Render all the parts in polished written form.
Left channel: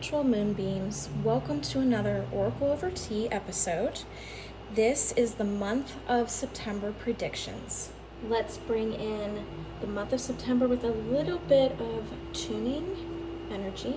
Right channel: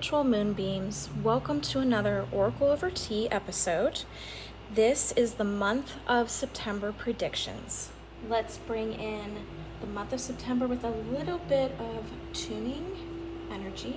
spiritual moonbeams. Welcome to another Oracle Over Tea episode. This is the month of September predictions. Let's bring in the month of September with a little bit of tuning energy.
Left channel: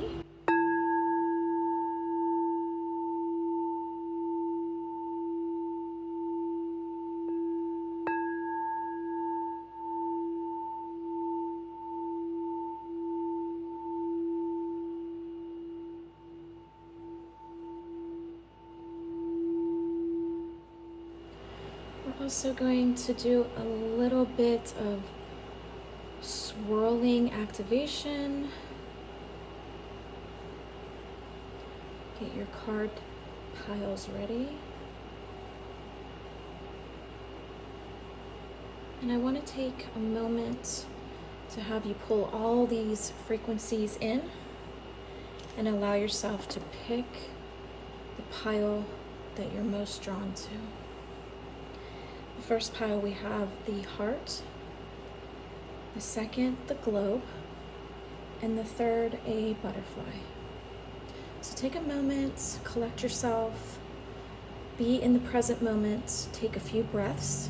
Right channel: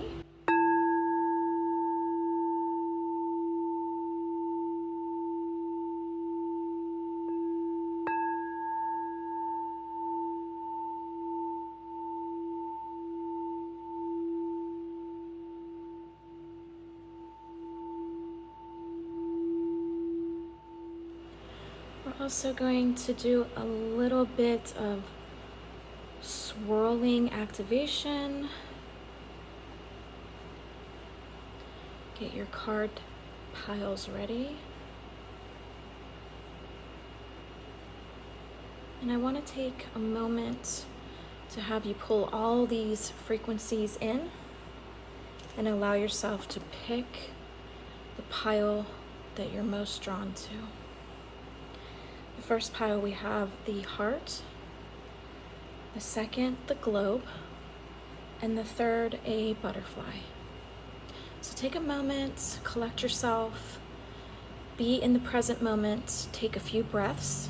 We're also going to do a little bit of swirling activation. Get your card piles ready. And I want to take a moment to have you pull all these frequencies in and allow yourself to pick the pile that you're most drawn to. The first pile we have the heart, the second the globe, and the third a butterfly. So take a moment, collect yourself, be in the present moment, take a few breaths,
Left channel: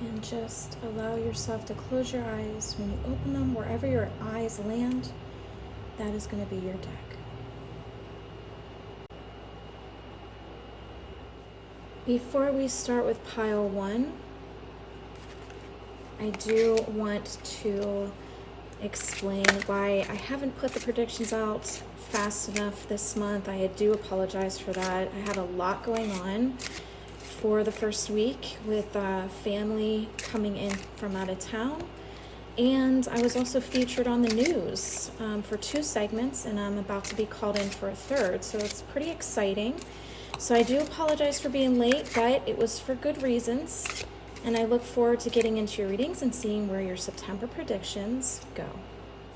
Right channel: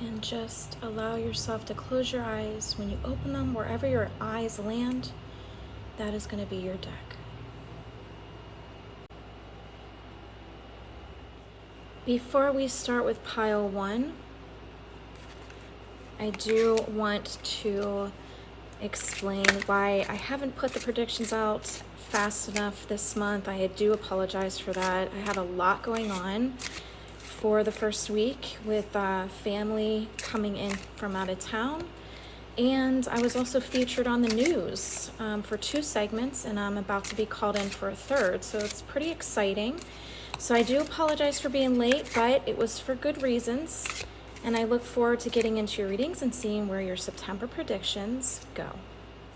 and just allow yourself to close your eyes. When you open them, wherever your eyes land, that is going to be your deck. Before we start with pile one, I do want to explain why I haven't put the predictions out fast enough this month. I do apologize for that. I had a lot going on for the first week with family coming in from out of town. And I was also featured on the news for 2 segments, and I'm about to be called in for a 3rd. So it's pretty exciting. So I do apologize for being late, but it was for good reasons. And I look forward to getting into your readings and seeing where your September predictions go.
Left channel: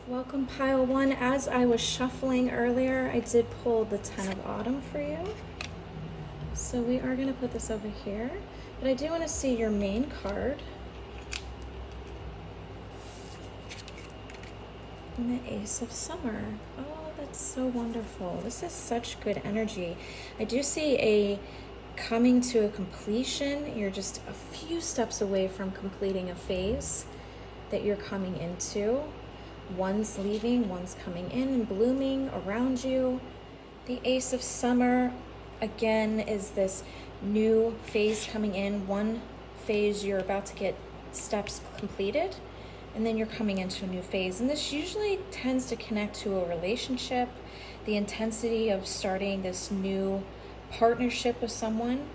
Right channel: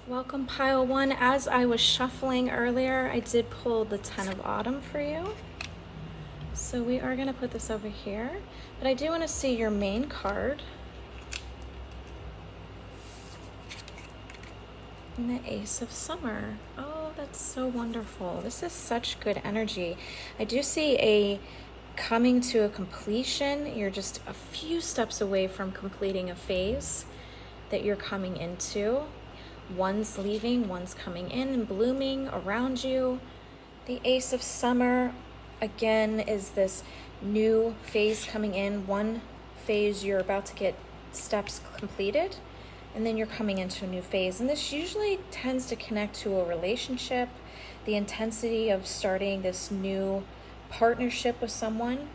Welcome, pile one. As I was shuffling earlier, I did pull the 10 of Autumn for you. So we are going to put this over here. But I do want to see your main card. And the Ace of Summer. Oh, that's so wonderful. This is such good energy. I do see a coming to a completion. You're just a few steps away from completing a phase that you're coming into. One's leaving, one's coming in and blooming around you. The Ace of Summer, again, is this new phase coming in. One phase you're about to get steps completed, and then you're coming into a new phase. And this usually tends to connect to a relationship, the intensity of starting this new partnership with someone.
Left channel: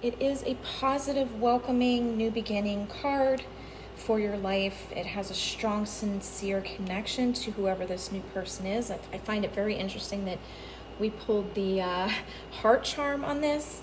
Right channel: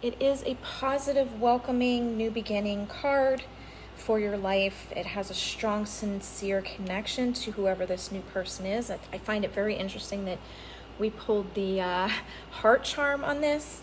It is a positive, welcoming, new beginning card for your life. It has a strong, sincere connection to whoever this new person is. I find it very interesting that we pulled the heart charm on this.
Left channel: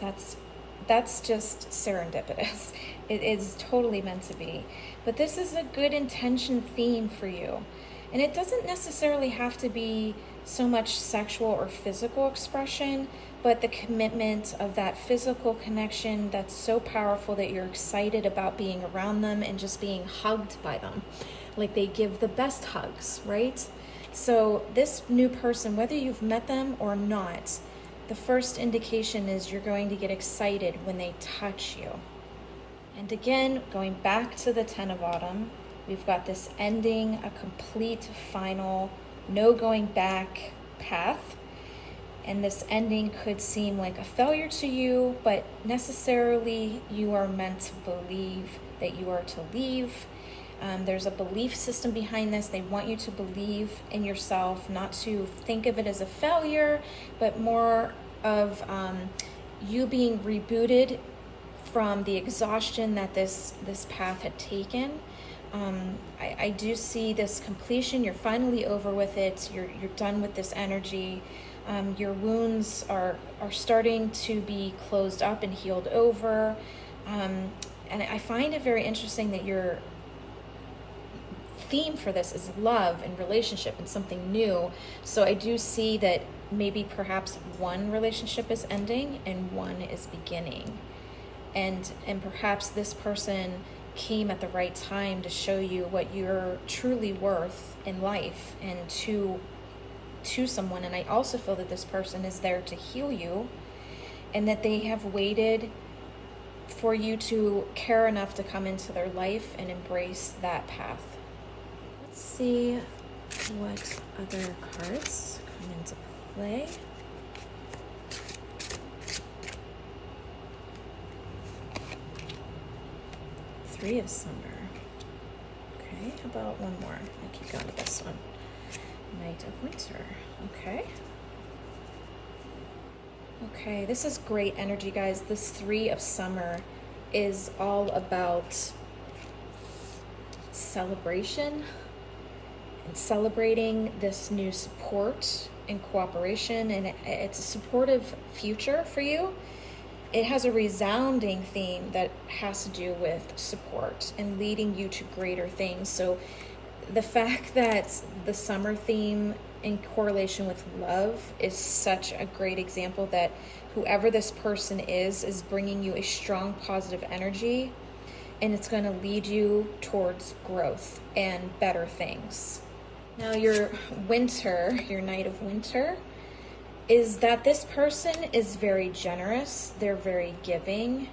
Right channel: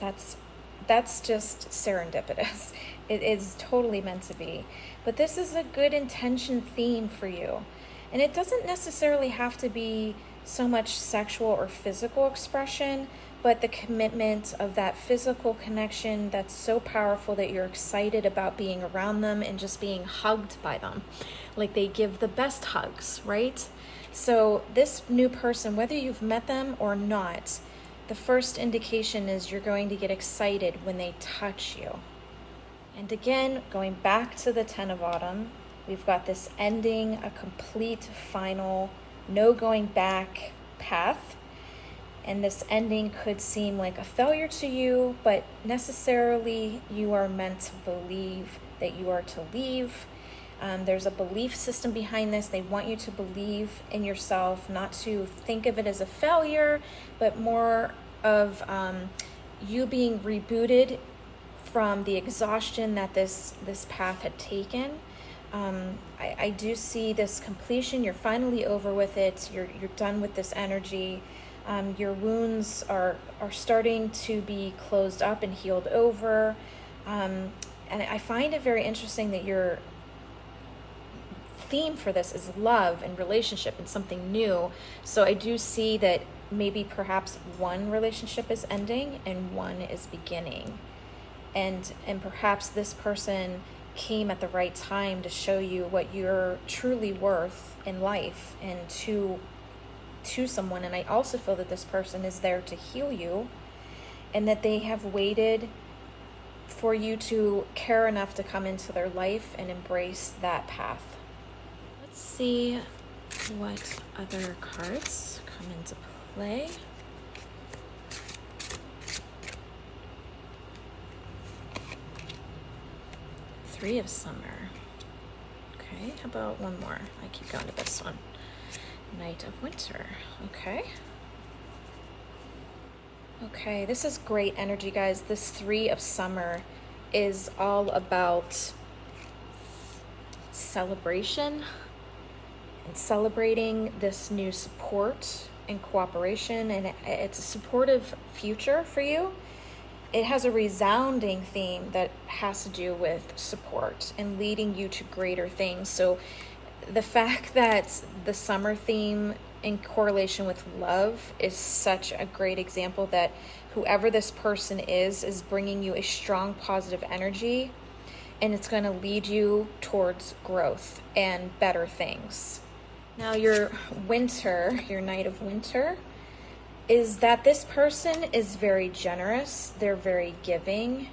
That's just serendipitous. It is totally meant to be. But this is a good intention theme for you. And it doesn't necessarily have to be so much sexual or physical expression, but the commitment of that physical connection that's so powerful that you're excited about being around them and just being hugged by them. Like they give the best hugs, right? So this new person, whether you've met them or not, the first indication is you're going to get excited when they touch you. And again, going back to the 10 of Autumn, we've got this ending, a complete, final, no going back path. And this ending could seem like a failure to you, but necessarily you are meant to believe that you are to leave. There's a belief system behind this. They want you to believe in yourself, not to think of it as a failure, but more of you being rebooted from the exhaustion that this path had taken. I do see this completion. You're finally over with it. You're done with this energy. Your wounds are starting to be closed up and healed over. And I find it very interesting that your theme for this is love and relationship and something new. So I do see that maybe perhaps one relationship is ending and one is beginning. And perhaps this person came at the right time to show you what you're truly worth in life and to to someone, and I also feel that this person is there to heal you, and that they have waited for you to care enough to come into their life and embrace that path. Let's see what other cards come into play. Three of Summer. Okay, how about one more? I keep going to this one. Knight of Winter. Okay. Okay, this is great energy, guys. This Three of Summer is all about celebration and celebrating this new support and cooperation, and it's a supportive future for you. It has a resounding theme that has to do with support and leading you to greater things. So the fact that the summer theme in correlation with love is such a great example that whoever this person is bringing you a strong positive energy, and it's going to lead you towards growth and better things. Now your winter, your Knight of Winter, is that this person is very generous. They're very giving.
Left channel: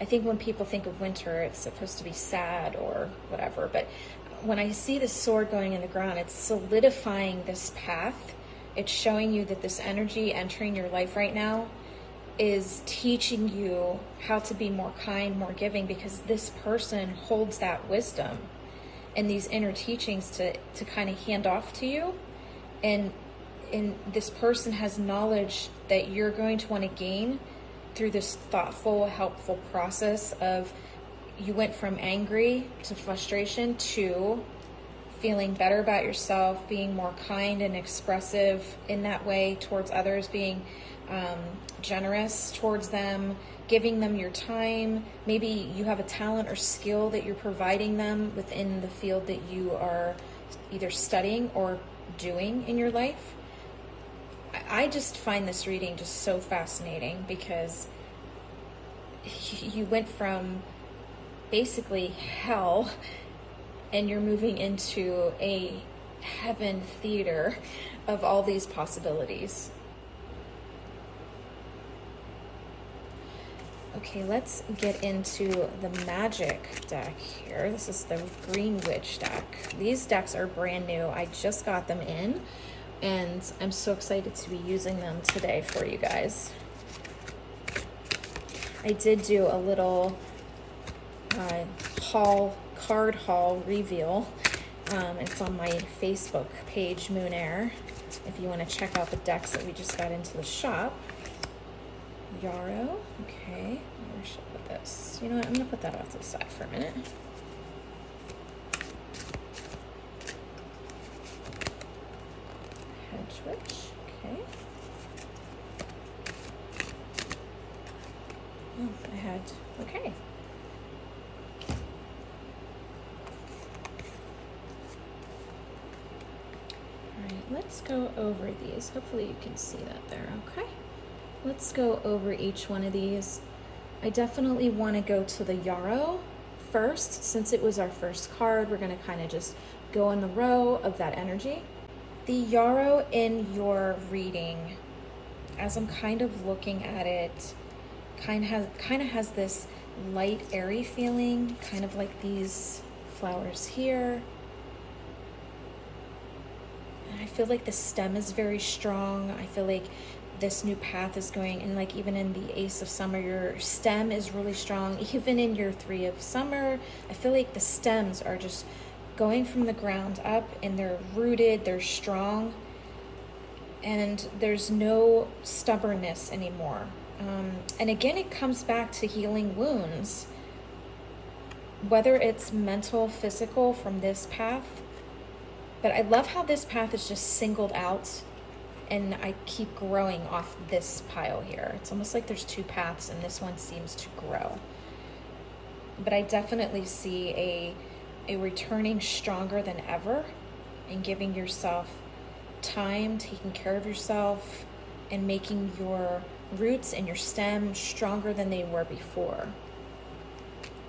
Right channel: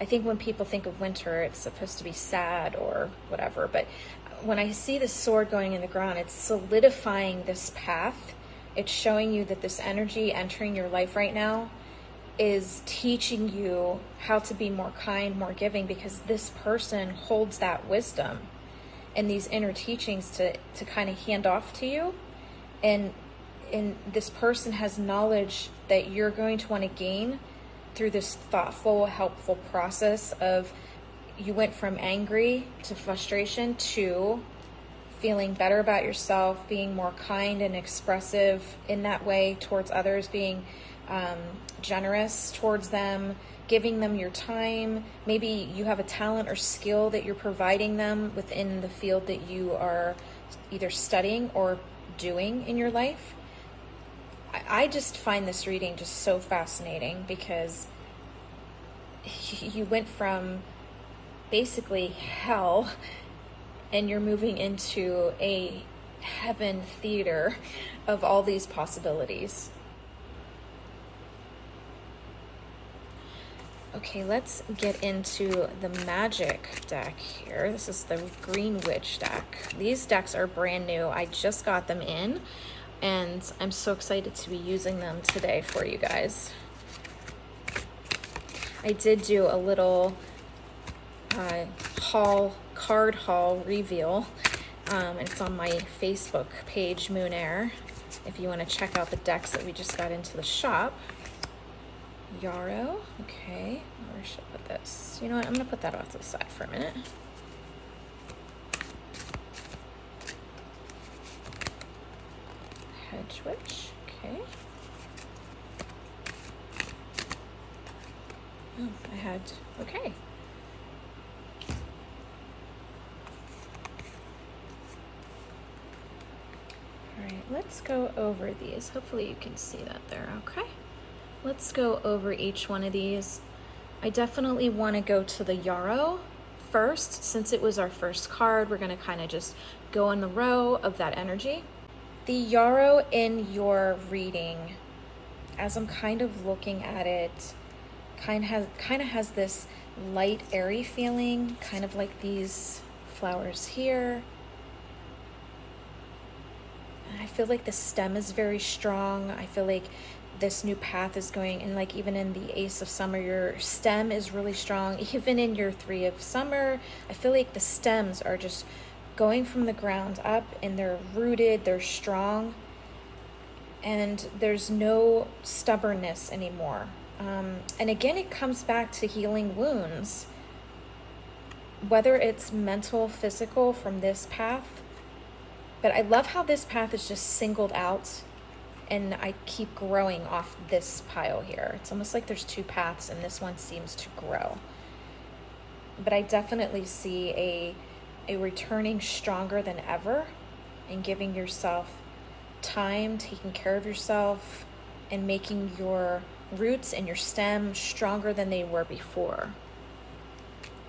I think when people think of winter, it's supposed to be sad or whatever, but when I see the sword going in the ground, it's solidifying this path. It's showing you that this energy entering your life right now is teaching you how to be more kind, more giving, because this person holds that wisdom and these inner teachings to kind of hand off to you. And this person has knowledge that you're going to want to gain through this thoughtful, helpful process of you went from angry to frustration to feeling better about yourself, being more kind and expressive in that way towards others, being generous towards them, giving them your time. Maybe you have a talent or skill that you're providing them within the field that you are either studying or doing in your life. I just find this reading just so fascinating because you went from basically hell and you're moving into a heaven theater of all these possibilities. Okay, let's get into the magic deck here. This is the Green Witch deck. These decks are brand new. I just got them in, and I'm so excited to be using them today for you guys. I did do a little card haul reveal. It's on my Facebook page, Moon Air, if you want to check out the decks that we just got into the shop. Yarrow, okay, where should I put this? You know what, I'm gonna put that off to the side for a minute. Hedge Witch, okay. Oh, I had, okay. All right, let's go over these. Hopefully you can see that there, okay? Let's go over each one of these. I definitely want to go to the Yarrow first. Since it was our first card, we're going to kind of just go in the row of that energy. The Yarrow in your reading, as I'm kind of looking at it, kind of has this light, airy feeling, kind of like these flowers here. And I feel like the stem is very strong. I feel like this new path is going, and like even in the Ace of Summer, your stem is really strong. Even in your Three of Summer, I feel like the stems are just going from the ground up, and they're rooted, they're strong, and there's no stubbornness anymore. And again, it comes back to healing wounds, whether it's mental, physical, from this path. But I love how this path is just singled out, and I keep growing off this pile here. It's almost like there's two paths and this one seems to grow. But I definitely see a returning stronger than ever, and giving yourself time, taking care of yourself, and making your roots and your stem stronger than they were before.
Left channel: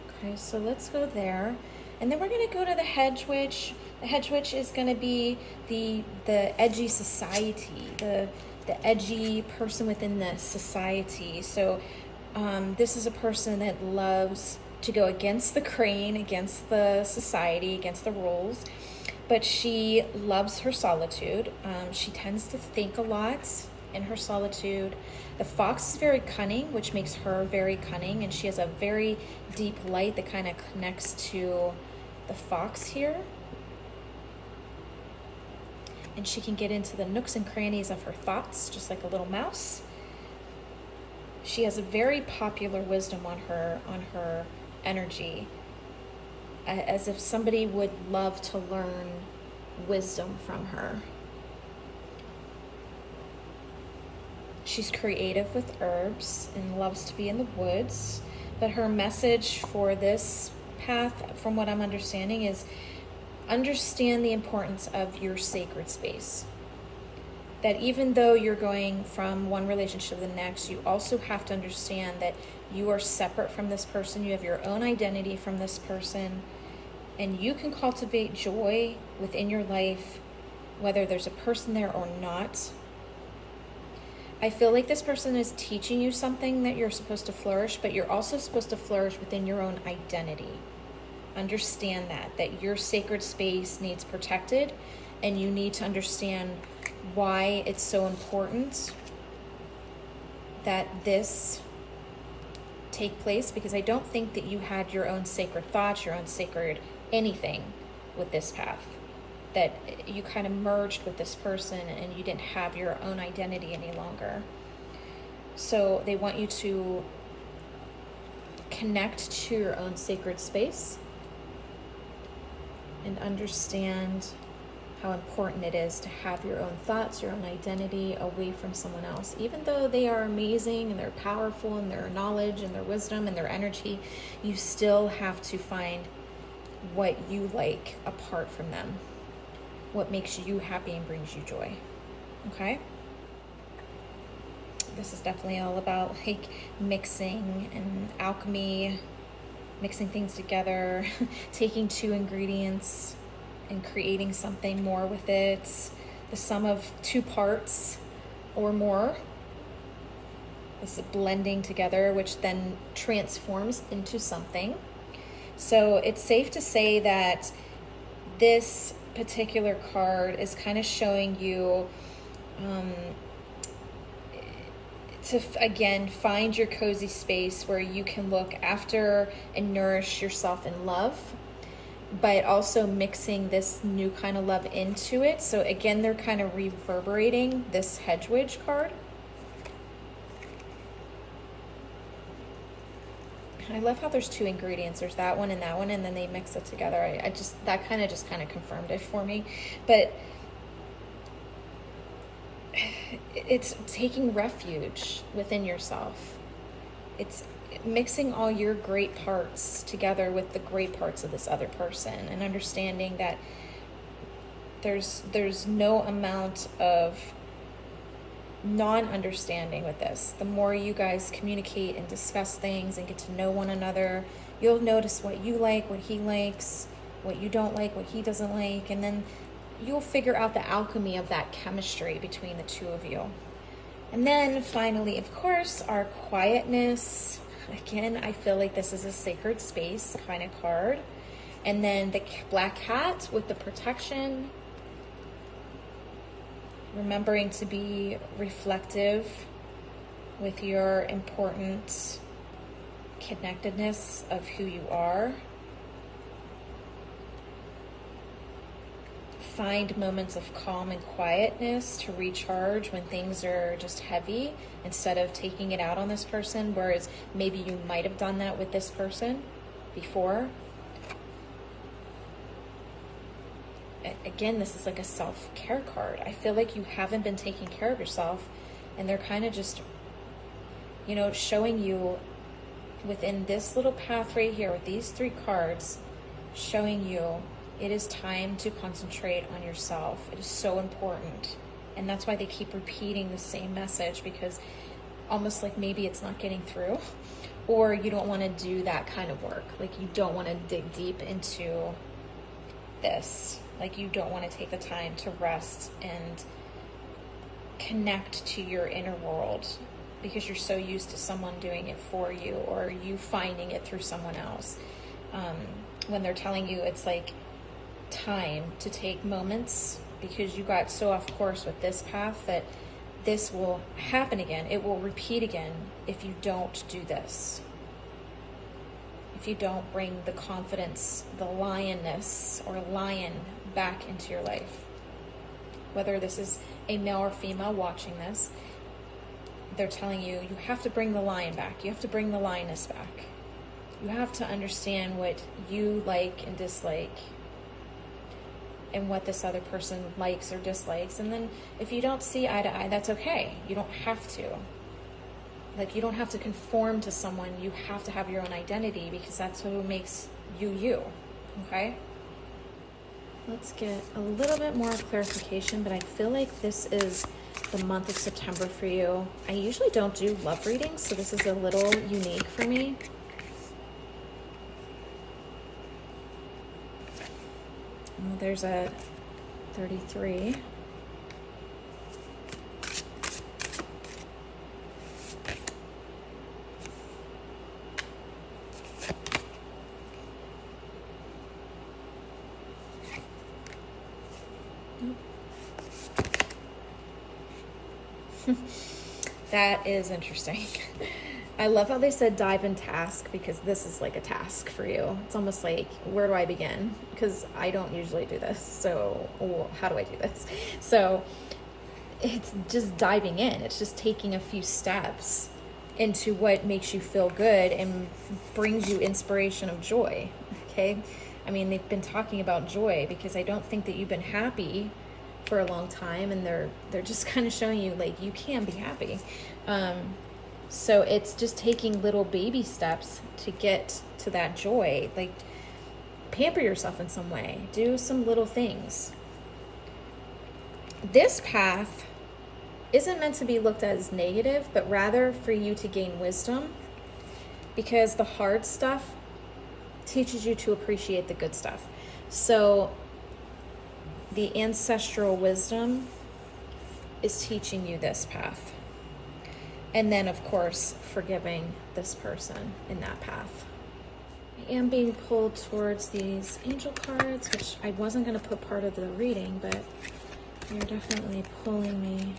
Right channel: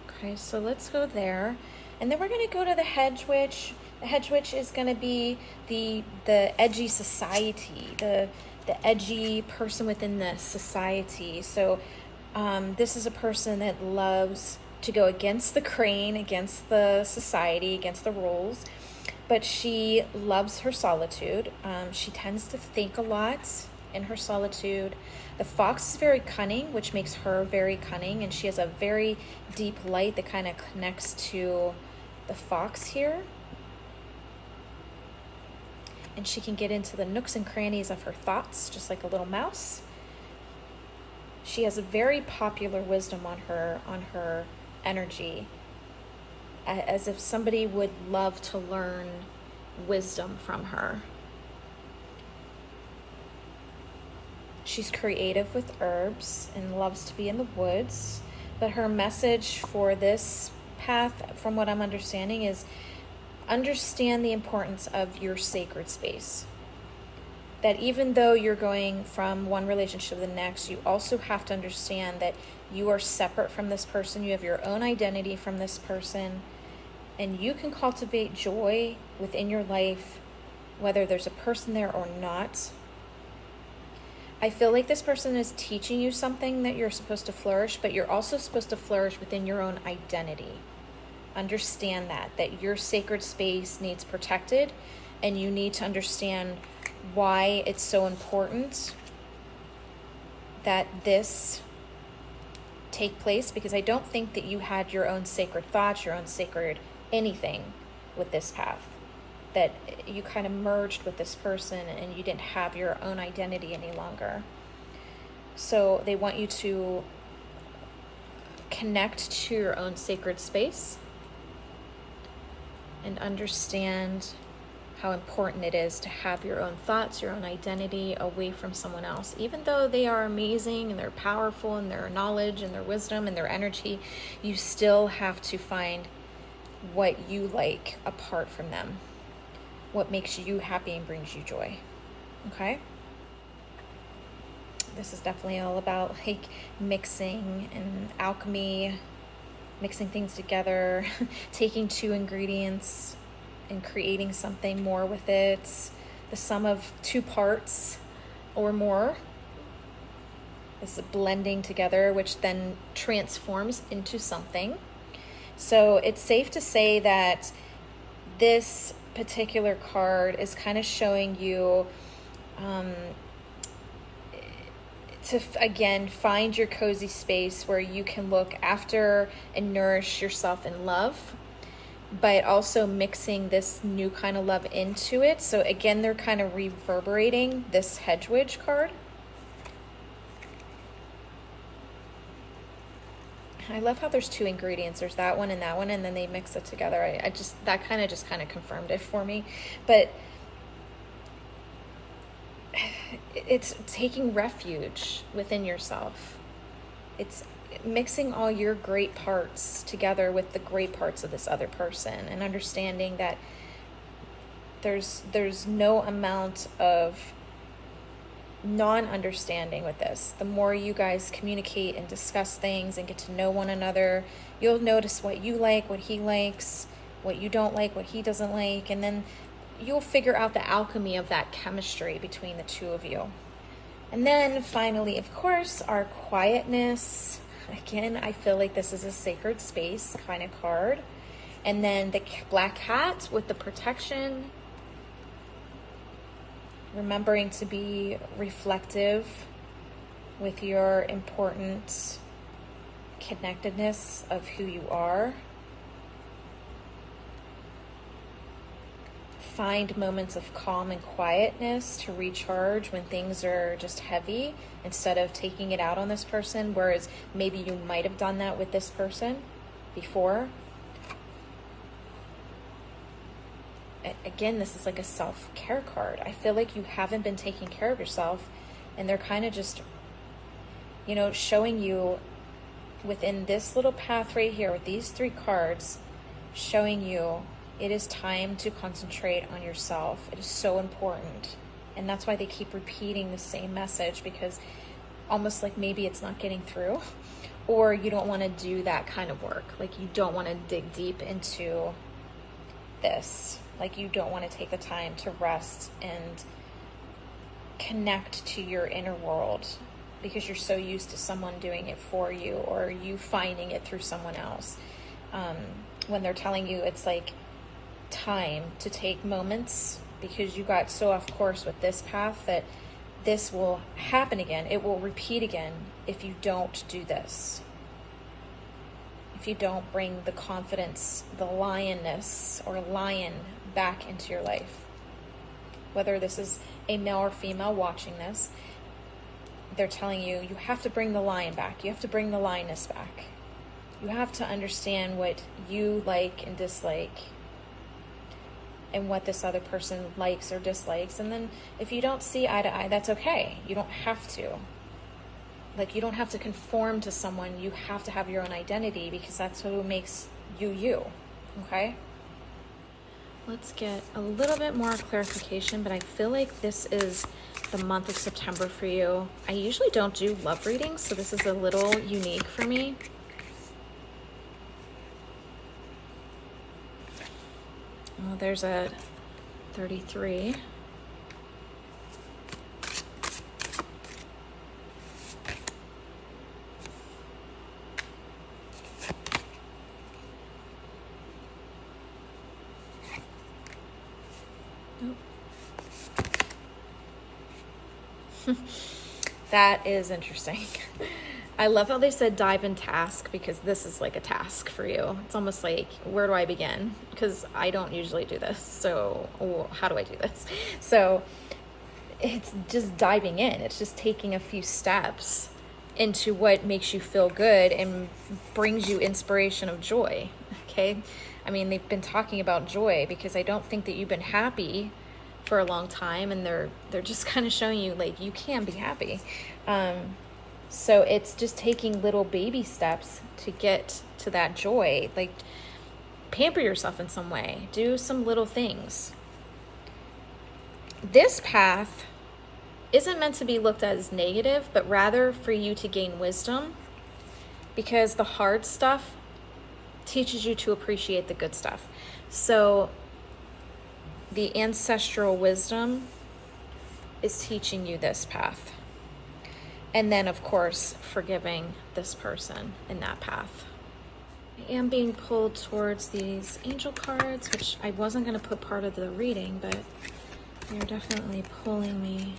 Okay, so let's go there. And then we're gonna go to the Hedge Witch. The hedge witch is going to be the edgy society, the edgy person within the society. So this is a person that loves to go against the grain, against the society, against the rules, but she loves her solitude. She tends to think a lot in her solitude. The fox is very cunning, which makes her very cunning, and she has a very deep light that kind of connects to the fox here. And she can get into the nooks and crannies of her thoughts, just like a little mouse. She has a very popular wisdom on her energy, as if somebody would love to learn wisdom from her. She's creative with herbs and loves to be in the woods, but her message for this path, from what I'm understanding, is understand the importance of your sacred space. That even though you're going from one relationship to the next, you also have to understand that you are separate from this person. You have your own identity from this person, and you can cultivate joy within your life, whether there's a person there or not. I feel like this person is teaching you something that you're supposed to flourish, but you're also supposed to flourish within your own identity. Understand that your sacred space needs protected, and you need to understand why it's so important that this take place, because I don't think that you had your own sacred thoughts, your own sacred anything with this path, that you kind of merged with this person and you didn't have your own identity any longer. So they want you to connect to your own sacred space and understand how important it is to have your own thoughts, your own identity away from someone else. Even though they are amazing and they're powerful and their knowledge and their wisdom and their energy, you still have to find what you like apart from them, what makes you happy and brings you joy. Okay? This is definitely all about like mixing and alchemy, mixing things together, taking two ingredients and creating something more with it. The sum of two parts or more is blending together, which then transforms into something. So it's safe to say that this particular card is kind of showing you to again find your cozy space where you can look after and nourish yourself in love, but also mixing this new kind of love into it. So again, they're kind of reverberating this hedge witch card. I love how there's two ingredients. There's that one, and then they mix it together. I just, that kind of confirmed it for me. But it's taking refuge within yourself. It's mixing all your great parts together with the great parts of this other person, and understanding that there's no amount of non-understanding with this. The more you guys communicate and discuss things and get to know one another, you'll notice what you like, what he likes, what you don't like, what he doesn't like, and then you'll figure out the alchemy of that chemistry between the two of you. And then finally, of course, our quietness. Again, I feel like this is a sacred space kind of card. And then the black cat with the protection. Remembering to be reflective with your important connectedness of who you are. Find moments of calm and quietness to recharge when things are just heavy, instead of taking it out on this person, whereas maybe you might have done that with this person before. Again, this is like a self-care card. I feel like you haven't been taking care of yourself, and they're kind of just, you know, showing you within this little path right here with these three cards, showing you it is time to concentrate on yourself. It is so important. And that's why they keep repeating the same message, because almost like maybe it's not getting through, or you don't want to do that kind of work. Like you don't want to dig deep into this. Like you don't want to take the time to rest and connect to your inner world because you're so used to someone doing it for you or you finding it through someone else. When they're telling you it's like time to take moments because you got so off course with this path that this will happen again. It will repeat again if you don't do this. If you don't bring the confidence, the lioness or lion back into your life. Whether this is a male or female watching this, they're telling you, you have to bring the lion back. You have to bring the lioness back. You have to understand what you like and dislike and what this other person likes or dislikes. And then if you don't see eye to eye, that's okay. You don't have to. Like, you don't have to conform to someone. You have to have your own identity because that's who makes you you, okay? Let's get a little bit more clarification, but I feel like this is the month of September for you. I usually don't do love readings, so this is a little unique for me. Oh, there's a 33. That is interesting. I love how they said dive in task because this is like a task for you. It's almost like, where do I begin? Because I don't usually do this. So how do I do this? So it's just diving in. It's just taking a few steps into what makes you feel good and brings you inspiration of joy. Okay. I mean, they've been talking about joy because I don't think that you've been happy for a long time, and they're just kind of showing you like you can be happy. So it's just taking little baby steps to get to that joy. Like, pamper yourself in some way, do some little things. This path isn't meant to be looked at as negative, but rather for you to gain wisdom, because the hard stuff teaches you to appreciate the good stuff. So the ancestral wisdom is teaching you this path. And then, of course, forgiving this person in that path. I am being pulled towards these angel cards, which I wasn't going to put part of the reading, but they're definitely pulling me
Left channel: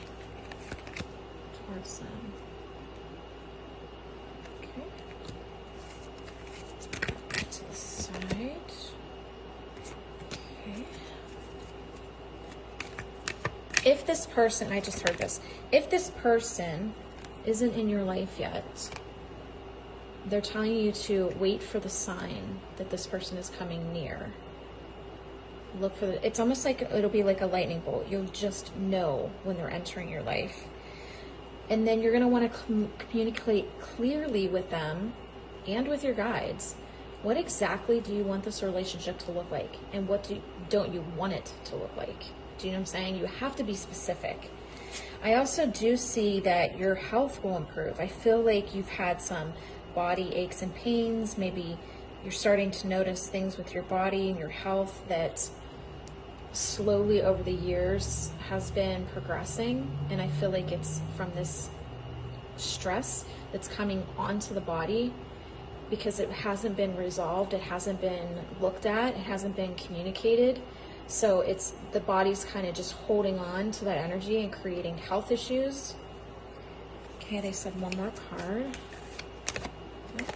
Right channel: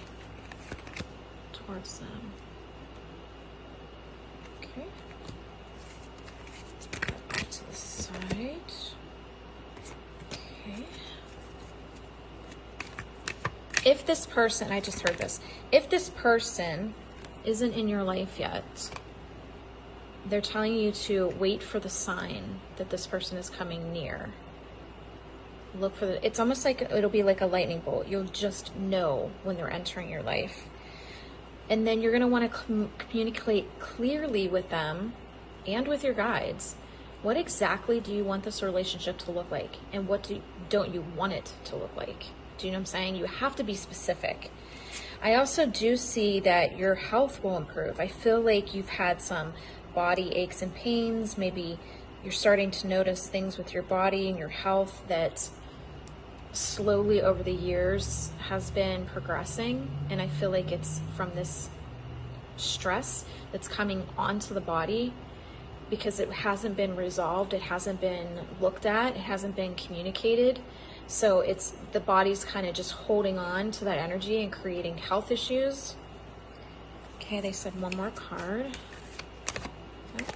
towards them. Okay. Back to the side. Okay. If this person, I just heard this, if this person isn't in your life yet, they're telling you to wait for the sign that this person is coming near. Look for it's almost like it'll be like a lightning bolt. You'll just know when they're entering your life. And then you're going to want to communicate clearly with them and with your guides. What exactly do you want this relationship to look like? And what don't you want it to look like? Do you know what I'm saying? You have to be specific. I also do see that your health will improve. I feel like you've had some body aches and pains. Maybe you're starting to notice things with your body and your health that slowly over the years has been progressing. And I feel like it's from this stress that's coming onto the body because it hasn't been resolved. It hasn't been looked at. It hasn't been communicated. So it's the body's kind of just holding on to that energy and creating health issues. Okay, they said one more card. Okay.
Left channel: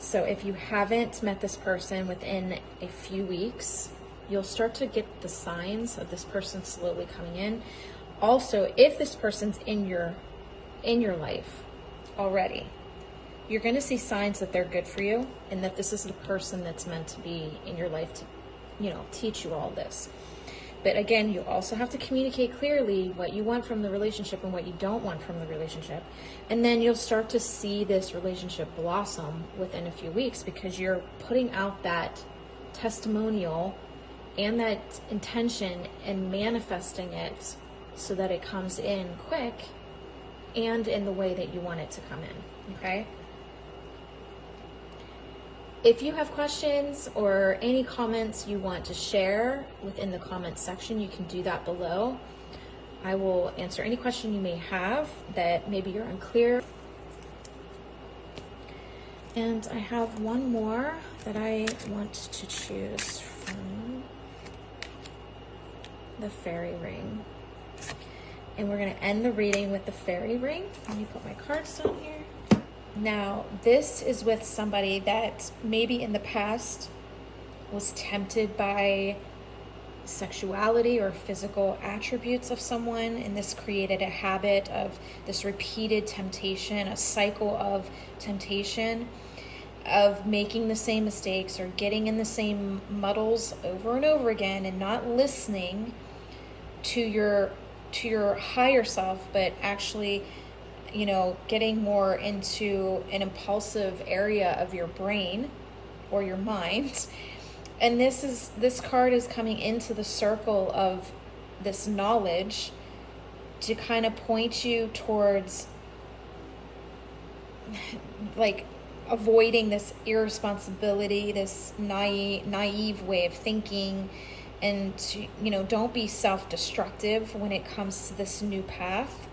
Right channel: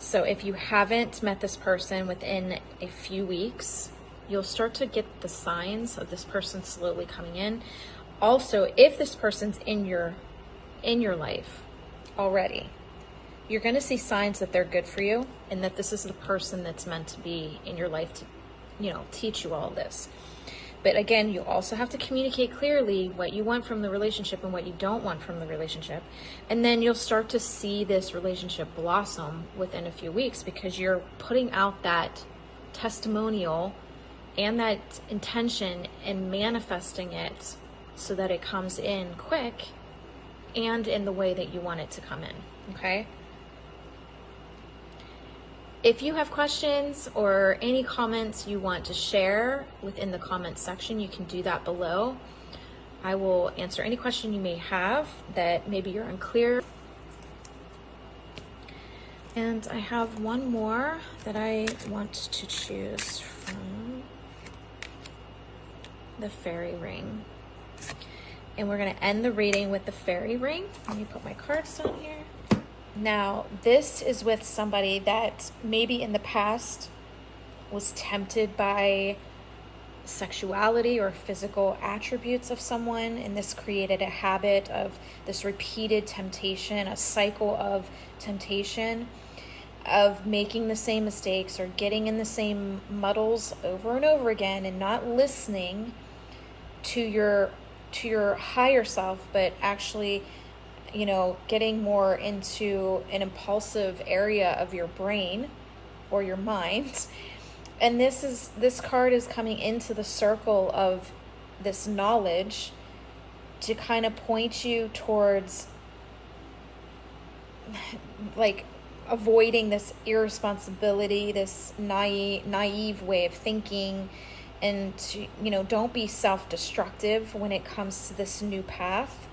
So if you haven't met this person within a few weeks, you'll start to get the signs of this person slowly coming in. Also, if this person's in your life already, you're going to see signs that they're good for you and that this is the person that's meant to be in your life to, teach you all this. But again, you also have to communicate clearly what you want from the relationship and what you don't want from the relationship. And then you'll start to see this relationship blossom within a few weeks because you're putting out that testimonial and that intention and manifesting it so that it comes in quick and in the way that you want it to come in, okay? If you have questions or any comments you want to share within the comments section, you can do that below. I will answer any question you may have that maybe you're unclear. And I have one more that I want to choose from the fairy ring. And we're going to end the reading with the fairy ring. Let me put my cards down here. Now, this is with somebody that maybe in the past was tempted by sexuality or physical attributes of someone, and this created a habit of this repeated temptation, a cycle of temptation, of making the same mistakes or getting in the same muddles over and over again, and not listening to your higher self, but actually, you know, getting more into an impulsive area of your brain or your mind. And this card is coming into the circle of this knowledge to kind of point you towards like avoiding this irresponsibility, this naive way of thinking, and to, you know, don't be self-destructive when it comes to this new path.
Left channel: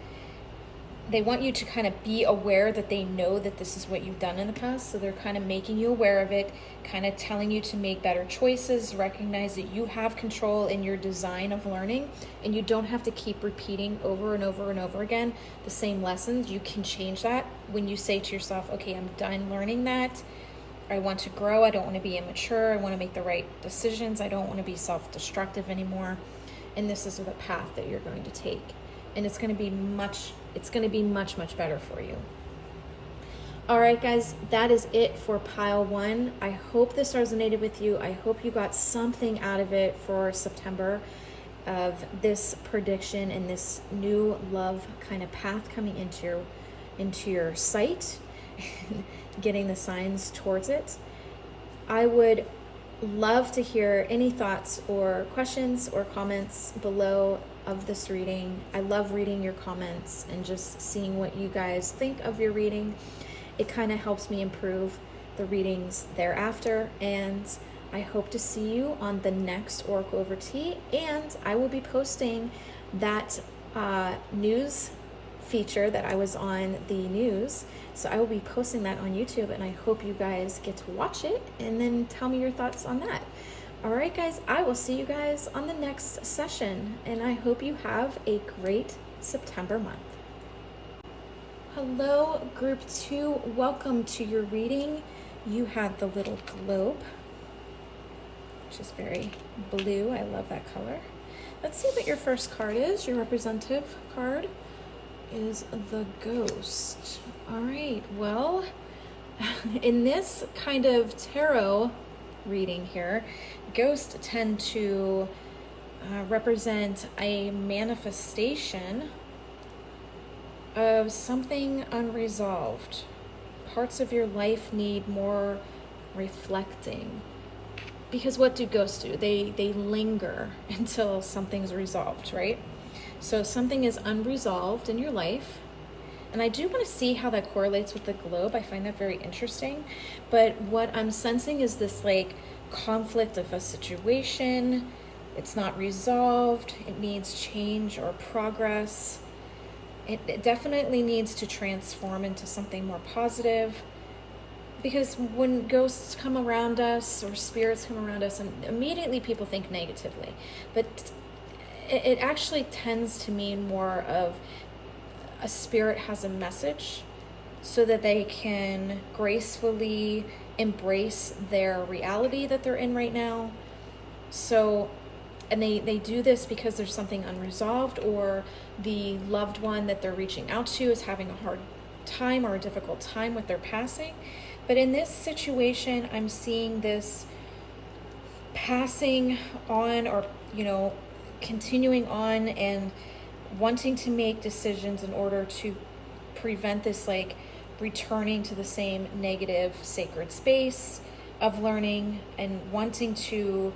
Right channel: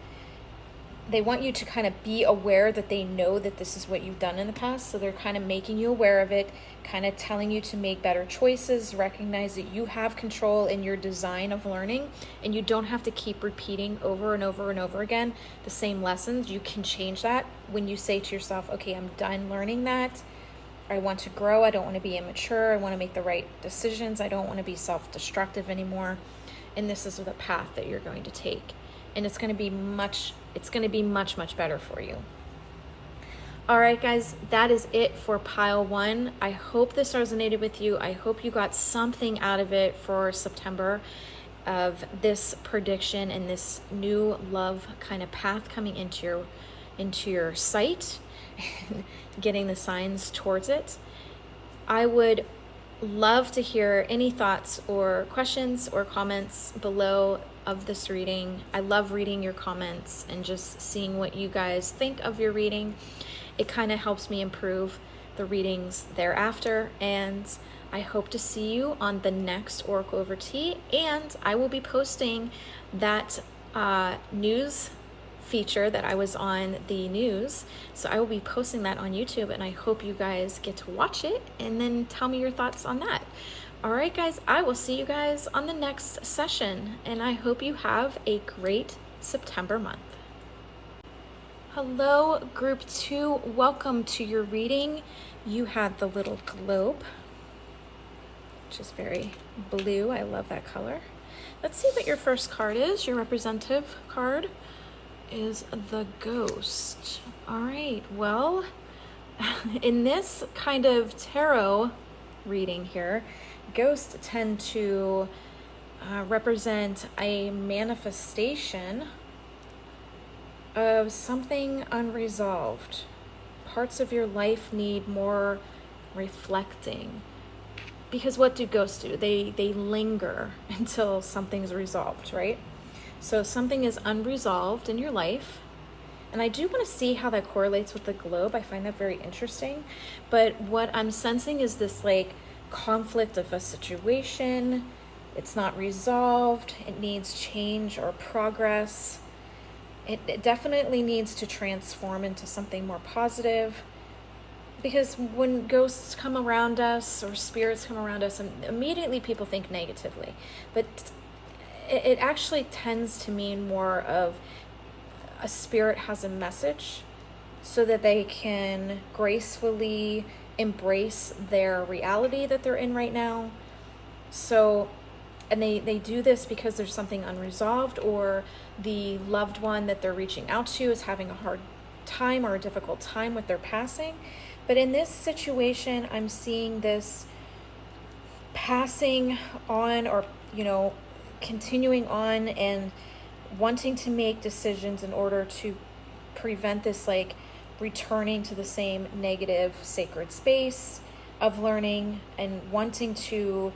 They want you to kind of be aware that they know that this is what you've done in the past, so they're kind of making you aware of it, kind of telling you to make better choices, recognize that you have control in your design of learning, and you don't have to keep repeating over and over and over again the same lessons. You can change that when you say to yourself, okay, I'm done learning that. I want to grow. I don't want to be immature. I want to make the right decisions. I don't want to be self-destructive anymore. And this is the path that you're going to take. And it's going to be much better for you. All right, guys, that is it for pile one. I hope this resonated with you. I hope you got something out of it for September, of this prediction and this new love kind of path coming into your sight, getting the signs towards it. I would love to hear any thoughts or questions or comments below of this reading. I love reading your comments and just seeing what you guys think of your reading. It kind of helps me improve the readings thereafter, and I hope to see you on the next Oracle Over Tea. And I will be posting that news feature that I was on the news, so I will be posting that on YouTube, and I hope you guys get to watch it and then tell me your thoughts on that. All right, guys, I will see you guys on the next session, and I hope you have a great September month. Hello, group 2. Welcome to your reading. You had the little globe, which is very blue. I love that color. Let's see what your first card is. Your representative card is the Ghost. All right, well, in this kind of tarot reading here, ghosts tend to represent a manifestation of something unresolved. Parts of your life need more reflecting. Because what do ghosts do? They linger until something's resolved, right? So something is unresolved in your life. And I do want to see how that correlates with the globe. I find that very interesting. But what I'm sensing is this like conflict of a situation. It's not resolved. It needs change or progress. It definitely needs to transform into something more positive, because when ghosts come around us or spirits come around us, and immediately people think negatively, but it actually tends to mean more of a spirit has a message so that they can gracefully embrace their reality that they're in right now. So, and they do this because there's something unresolved, or the loved one that they're reaching out to is having a hard time or a difficult time with their passing. But in this situation, I'm seeing this passing on, or, you know, continuing on and wanting to make decisions in order to prevent this like returning to the same negative sacred space of learning, and wanting to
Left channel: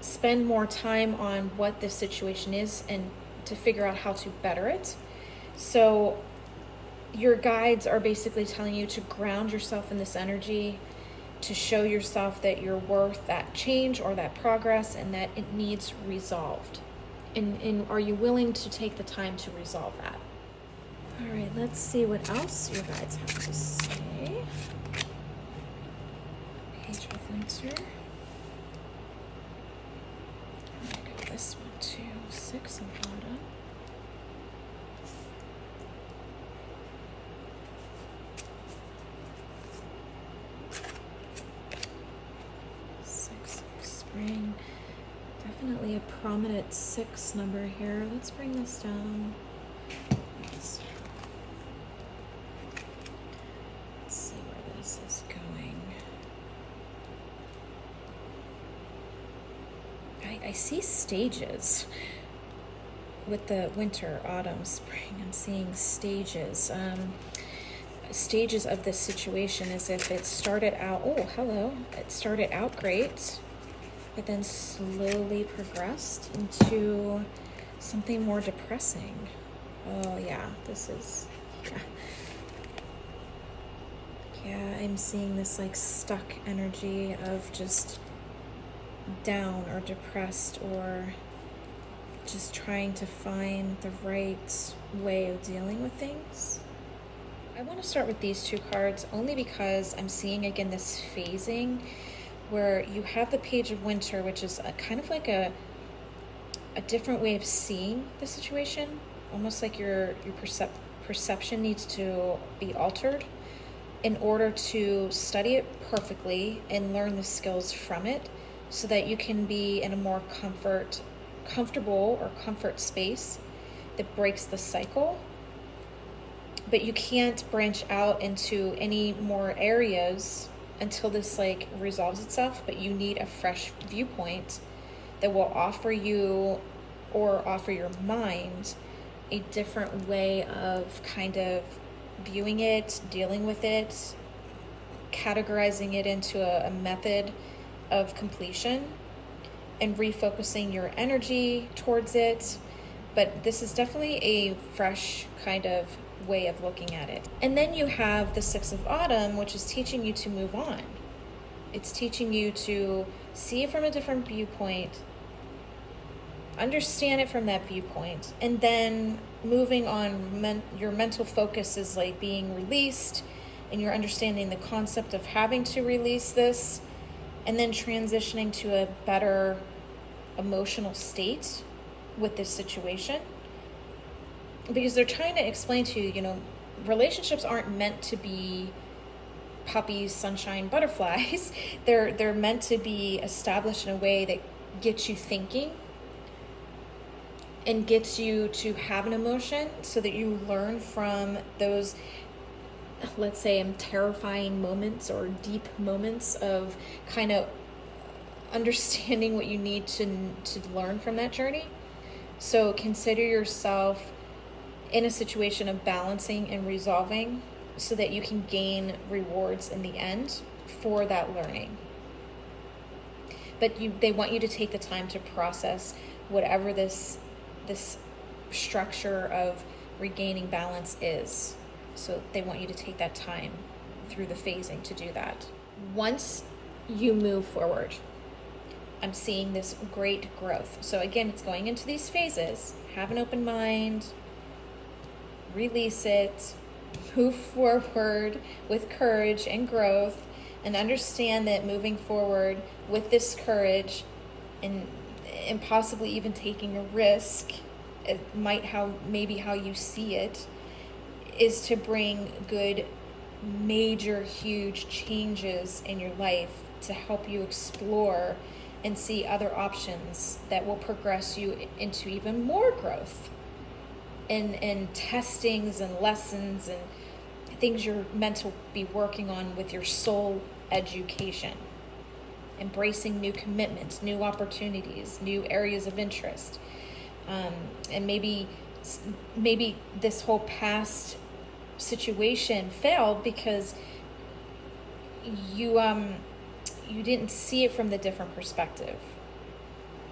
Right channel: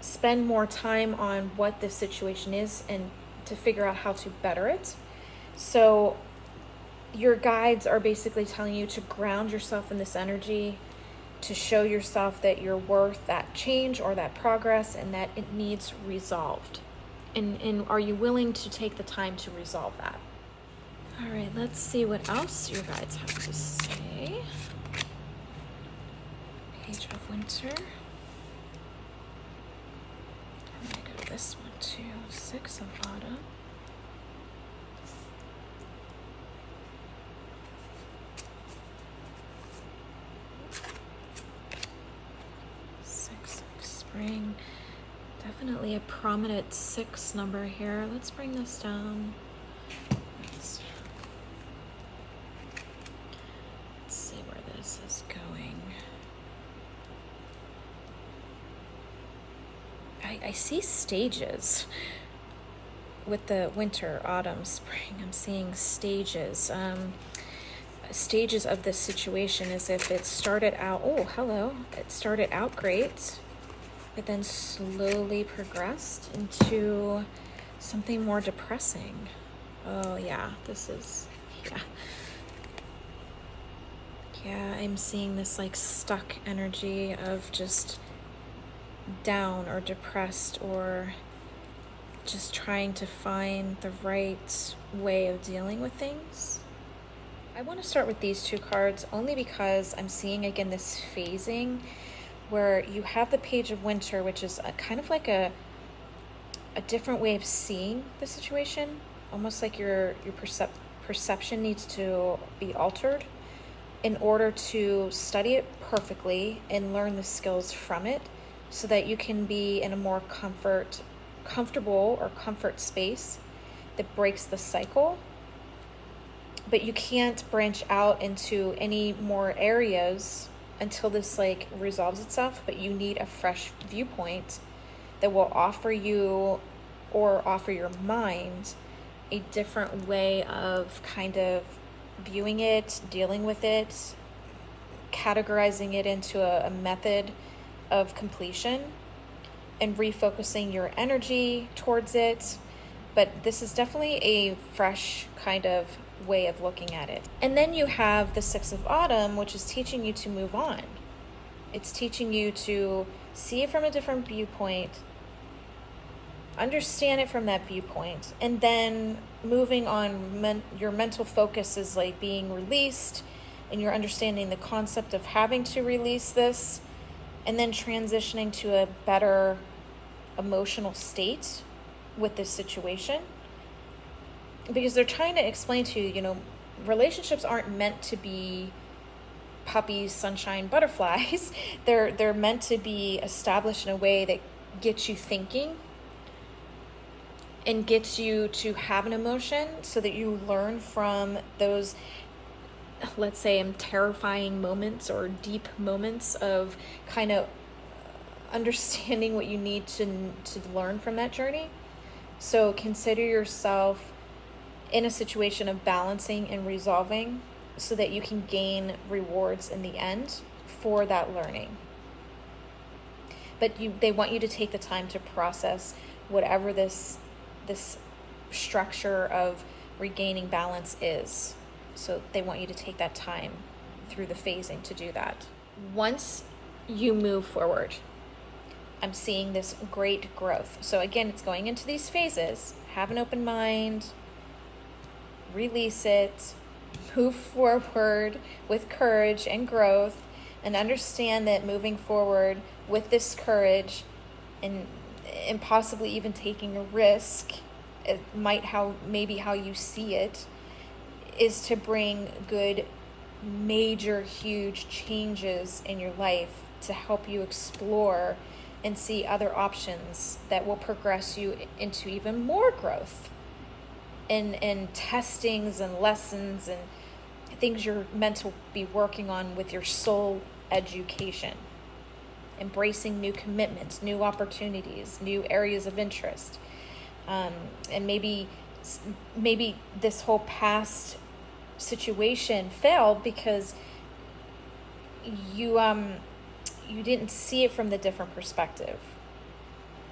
spend more time on what this situation is and to figure out how to better it. So your guides are basically telling you to ground yourself in this energy, to show yourself that you're worth that change or that progress and that it needs resolved. And are you willing to take the time to resolve that? All right, let's see what else you guys have to say. Page of Winter. I'm gonna go this one too. Six of Autumn. Six of Spring. Definitely a prominent 6 number here. Let's bring this down. Let's see where this is going. I see stages with the winter, autumn, spring. I'm seeing stages. Stages of this situation, as if it started out, oh, hello. It started out great, but then slowly progressed into something more depressing. Oh yeah, this is, yeah, I'm seeing this like stuck energy of just down or depressed, or just trying to find the right way of dealing with things. I want to start with these 2 cards only because I'm seeing again this phasing where you have the Page of Winter, which is a kind of like a different way of seeing the situation, almost like your perception needs to be altered in order to study it perfectly and learn the skills from it, so that you can be in a more comfortable or comfort space that breaks the cycle. But you can't branch out into any more areas until this like resolves itself, but you need a fresh viewpoint that will offer you, or offer your mind, a different way of kind of viewing it, dealing with it, categorizing it into a method of completion, and refocusing your energy towards it. But this is definitely a fresh kind of way of looking at it. And then you have the 6 of Autumn, which is teaching you to move on. It's teaching you to see it from a different viewpoint, understand it from that viewpoint, and then moving on. Your mental focus is like being released, and you're understanding the concept of having to release this, and then transitioning to a better emotional state with this situation. Because they're trying to explain to you, relationships aren't meant to be puppies, sunshine, butterflies. They're meant to be established in a way that gets you thinking and gets you to have an emotion, so that you learn from those, let's say, terrifying moments or deep moments of kind of understanding what you need to learn from that journey. So consider yourself in a situation of balancing and resolving, so that you can gain rewards in the end for that learning. But they want you to take the time to process whatever this structure of regaining balance is. So they want you to take that time through the phasing to do that. Once you move forward, I'm seeing this great growth. So again, it's going into these phases. Have an open mind, release it, move forward with courage and growth, and understand that moving forward with this courage and possibly even taking a risk, it might maybe how you see it, is to bring good, major, huge changes in your life, to help you explore and see other options that will progress you into even more growth and testings and lessons and things you're meant to be working on with your soul education. Embracing new commitments, new opportunities, new areas of interest. And maybe this whole past situation failed because you didn't see it from the different perspective.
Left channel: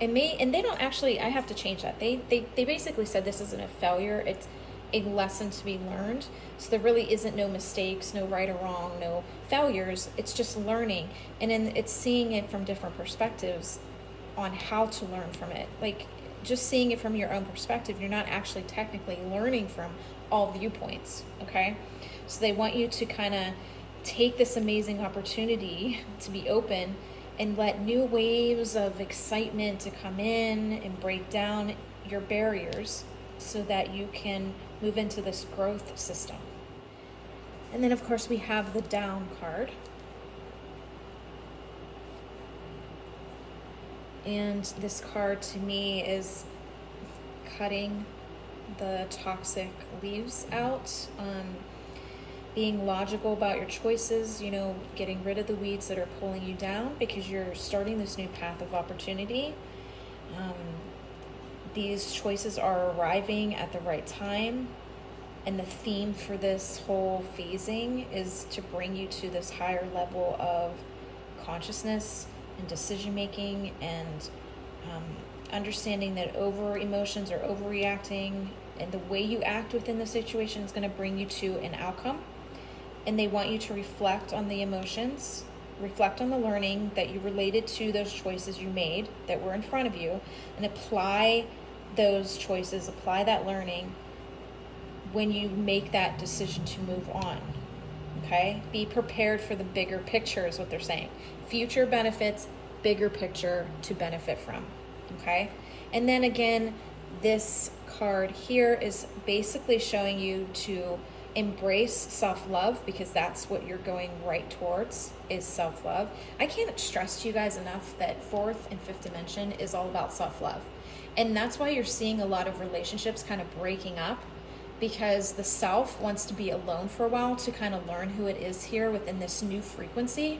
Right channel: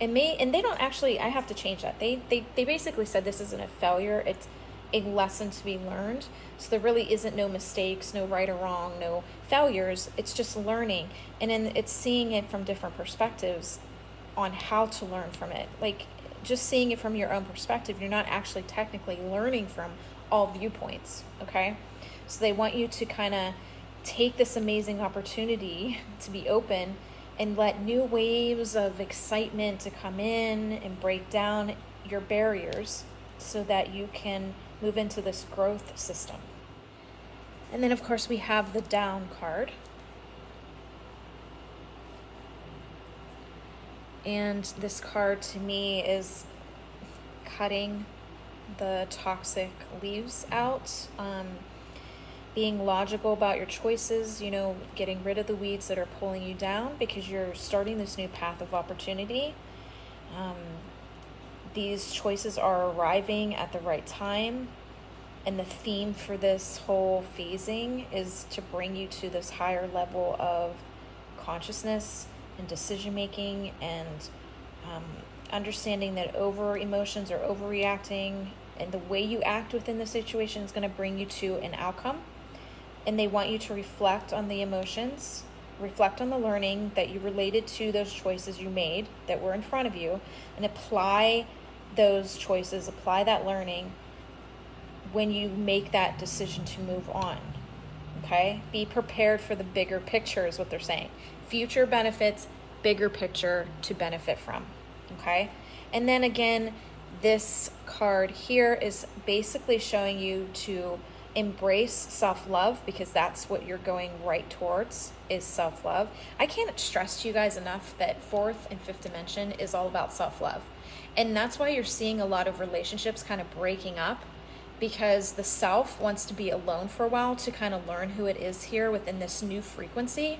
And they don't actually, I have to change that. They basically said this isn't a failure, a lesson to be learned. So there really isn't no mistakes, no right or wrong, no failures. It's just learning. And then it's seeing it from different perspectives on how to learn from it. Like just seeing it from your own perspective, you're not actually technically learning from all viewpoints, okay? So they want you to kind of take this amazing opportunity to be open and let new waves of excitement to come in and break down your barriers so that you can move into this growth system. And then of course we have the down card. And this card to me is cutting the toxic leaves out, being logical about your choices, you know, getting rid of the weeds that are pulling you down because you're starting this new path of opportunity. These choices are arriving at the right time. And the theme for this whole phasing is to bring you to this higher level of consciousness and decision making and understanding that over emotions or overreacting and the way you act within the situation is going to bring you to an outcome. And they want you to reflect on the emotions, reflect on the learning that you related to those choices you made that were in front of you, and apply those choices, apply that learning when you make that decision to move on, okay? Be prepared for the bigger picture is what they're saying. Future benefits, bigger picture to benefit from, okay? And then again, this card here is basically showing you to embrace self-love because that's what you're going right towards is self-love. I can't stress to you guys enough that fourth and fifth dimension is all about self-love. And that's why you're seeing a lot of relationships kind of breaking up because the self wants to be alone for a while to kind of learn who it is here within this new frequency.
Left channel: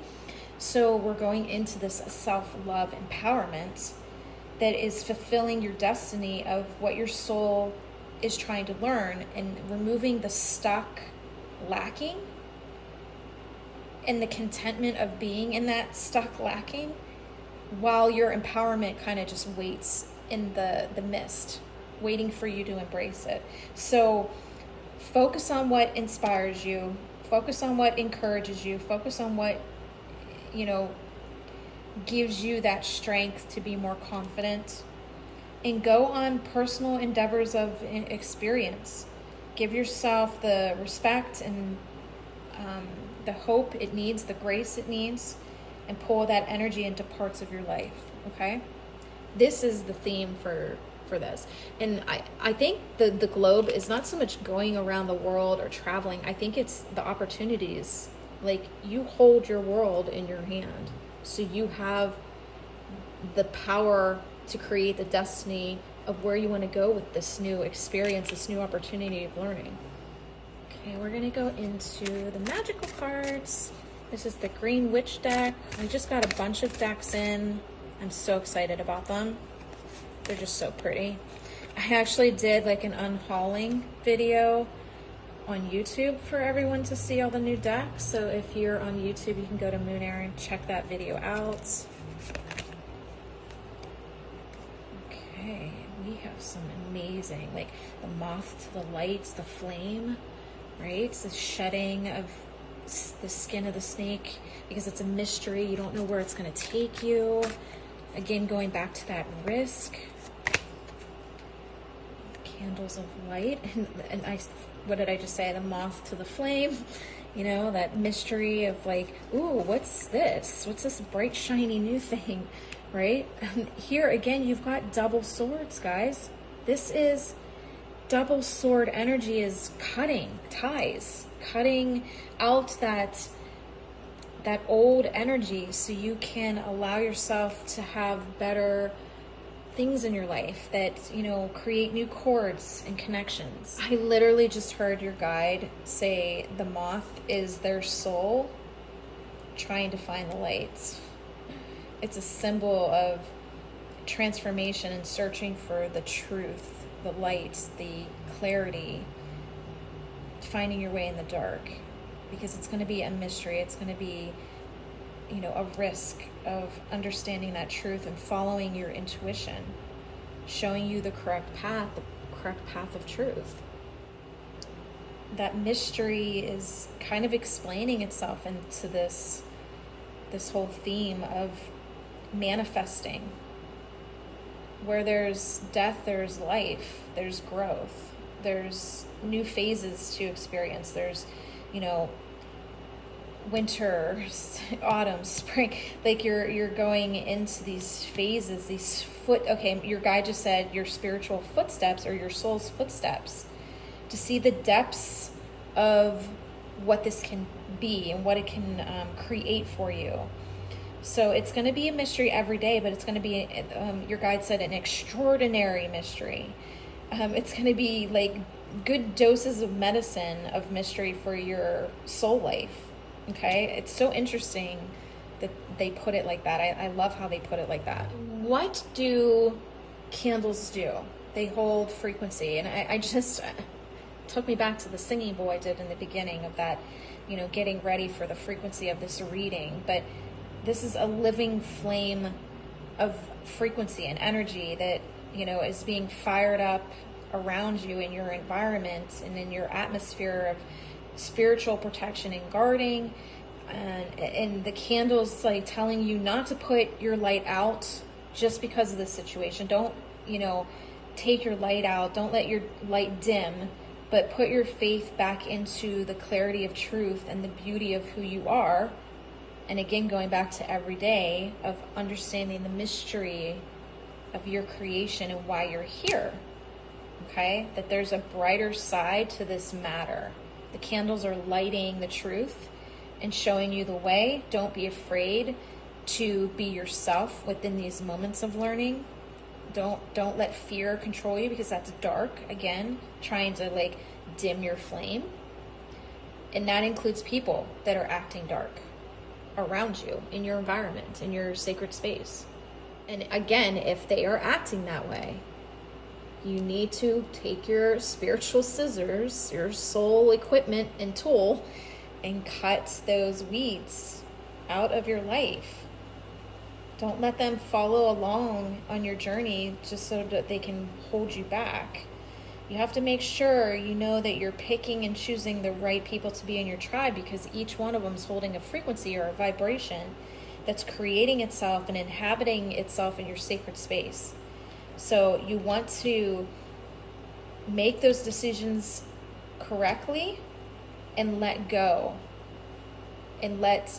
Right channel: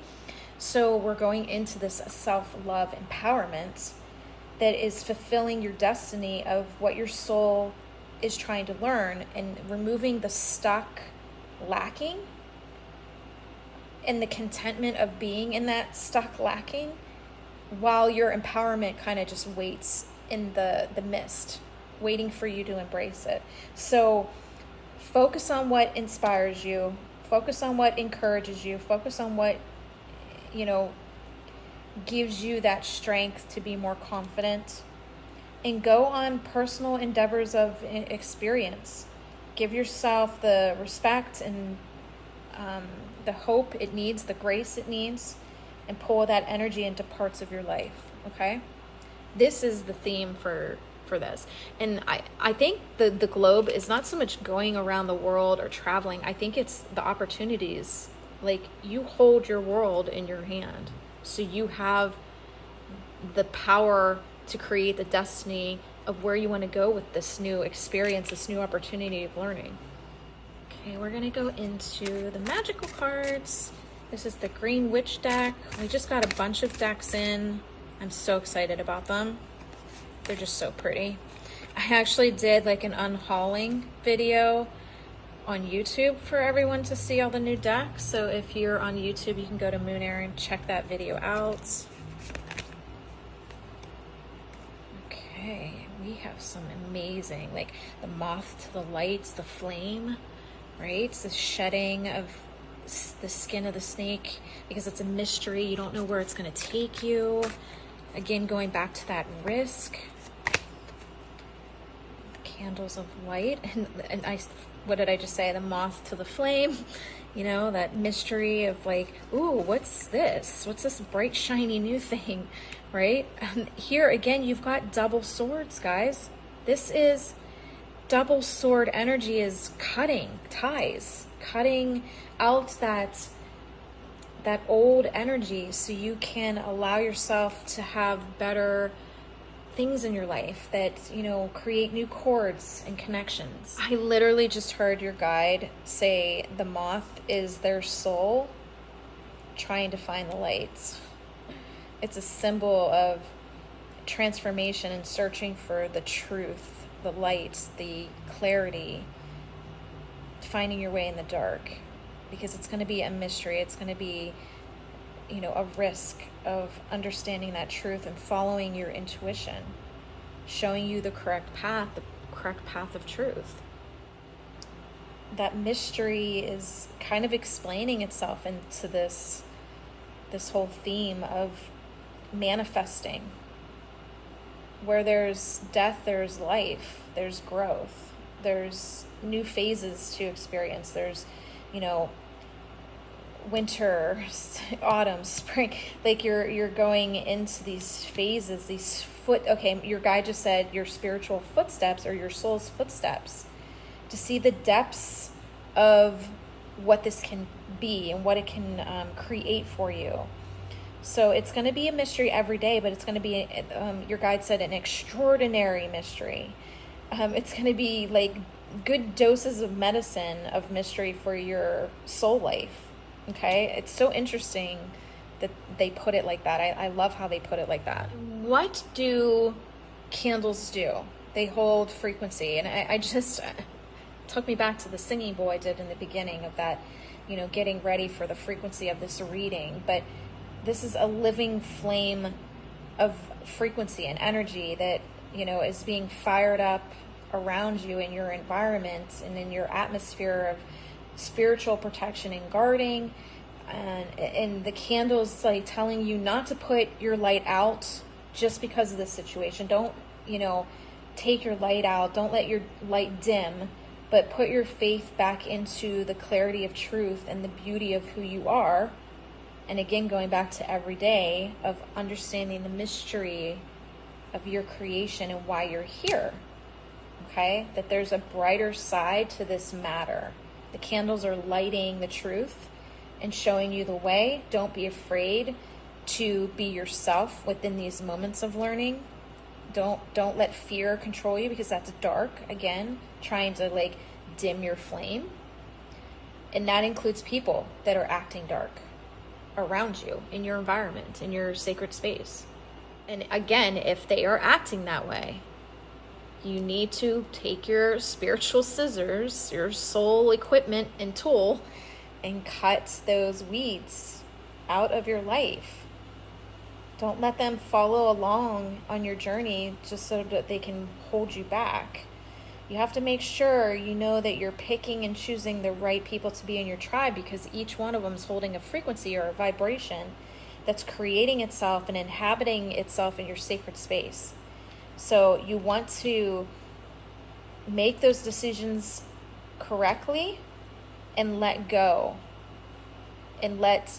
So we're going into this self-love empowerment that is fulfilling your destiny of what your soul is trying to learn and removing the stuck lacking and the contentment of being in that stuck lacking while your empowerment kind of just waits in the mist, waiting for you to embrace it. So focus on what inspires you, focus on what encourages you, focus on what, you know, gives you that strength to be more confident, and go on personal endeavors of experience. Give yourself the respect and the hope it needs, the grace it needs, and pull that energy into parts of your life, okay? This is the theme for this. And I think the globe is not so much going around the world or traveling. I think it's the opportunities. Like, you hold your world in your hand. So you have the power to create the destiny of where you want to go with this new experience, this new opportunity of learning. Okay, we're going to go into the magical cards. This is the Green Witch deck. We just got a bunch of decks in. I'm so excited about them. They're just so pretty. I actually did like an unhauling video on YouTube for everyone to see all the new decks. So if you're on YouTube, you can go to Moon Air and check that video out. Okay, we have some amazing, like the moth to the light, the flame, right? It's the shedding of the skin of the snake because it's a mystery. You don't know where it's going to take you. Again, going back to that risk. Candles of light. And what did I just say? The moth to the flame. You know, that mystery of like, ooh, what's this? What's this bright, shiny new thing, right? Here, again, you've got double swords, guys. This is double sword energy is cutting ties, cutting out that old energy so you can allow yourself to have better things in your life that, you know, create new chords and connections. I literally just heard your guide say the moth is their soul trying to find the light. It's a symbol of transformation and searching for the truth, the light, the clarity, finding your way in the dark, because it's going to be a mystery. It's going to be, you know, a risk of understanding that truth and following your intuition, showing you the correct path of truth. that mystery is kind of explaining itself into this whole theme of manifesting. Where there's death, there's life, there's growth, there's new phases to experience. There's, winter, autumn, spring. Like you're going into these phases, your guide just said your spiritual footsteps or your soul's footsteps, to see the depths of what this can be and what it can create for you. So it's going to be a mystery every day, but it's going to be, your guide said, an extraordinary mystery. It's going to be like good doses of medicine of mystery for your soul life. Okay? It's so interesting that they put it like that. I love how they put it like that. What do candles do? They hold frequency. And I just took me back to the singing bowl I did in the beginning of that, getting ready for the frequency of this reading. But this is a living flame of frequency and energy that, is being fired up around you in your environment and in your atmosphere of spiritual protection and guarding. And the candles like telling you not to put your light out just because of the situation. Don't, take your light out. Don't let your light dim, but put your faith back into the clarity of truth and the beauty of who you are. And again, going back to every day of understanding the mystery of your creation and why you're here. Okay? That there's a brighter side to this matter. The candles are lighting the truth and showing you the way. Don't be afraid to be yourself within these moments of learning. Don't let fear control you, because that's dark, again, trying to like dim your flame. And that includes people that are acting dark around you, in your environment, in your sacred space. And again, if they are acting that way, you need to take your spiritual scissors, your soul equipment and tool, and cut those weeds out of your life. Don't let them follow along on your journey just so that they can hold you back. You have to make sure that you're picking and choosing the right people to be in your tribe, because each one of them is holding a frequency or a vibration that's creating itself and inhabiting itself in your sacred space. So you want to make those decisions correctly and let go, and let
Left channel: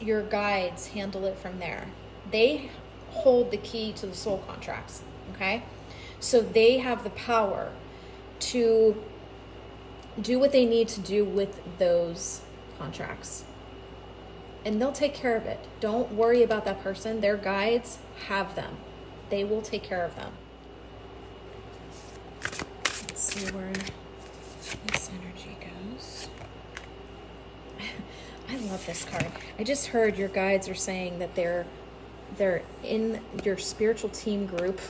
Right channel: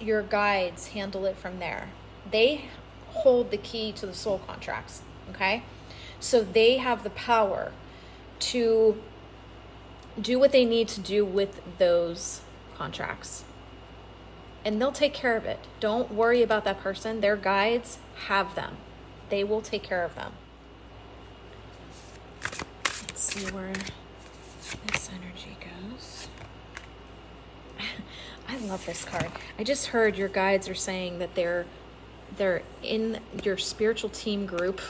your guides handle it from there. They hold the key to the soul contracts, okay? So they have the power to do what they need to do with those contracts. And they'll take care of it. Don't worry about that person. Their guides have them. They will take care of them. Let's see where this energy goes. I love this card. I just heard your guides are saying that they're in your spiritual team group,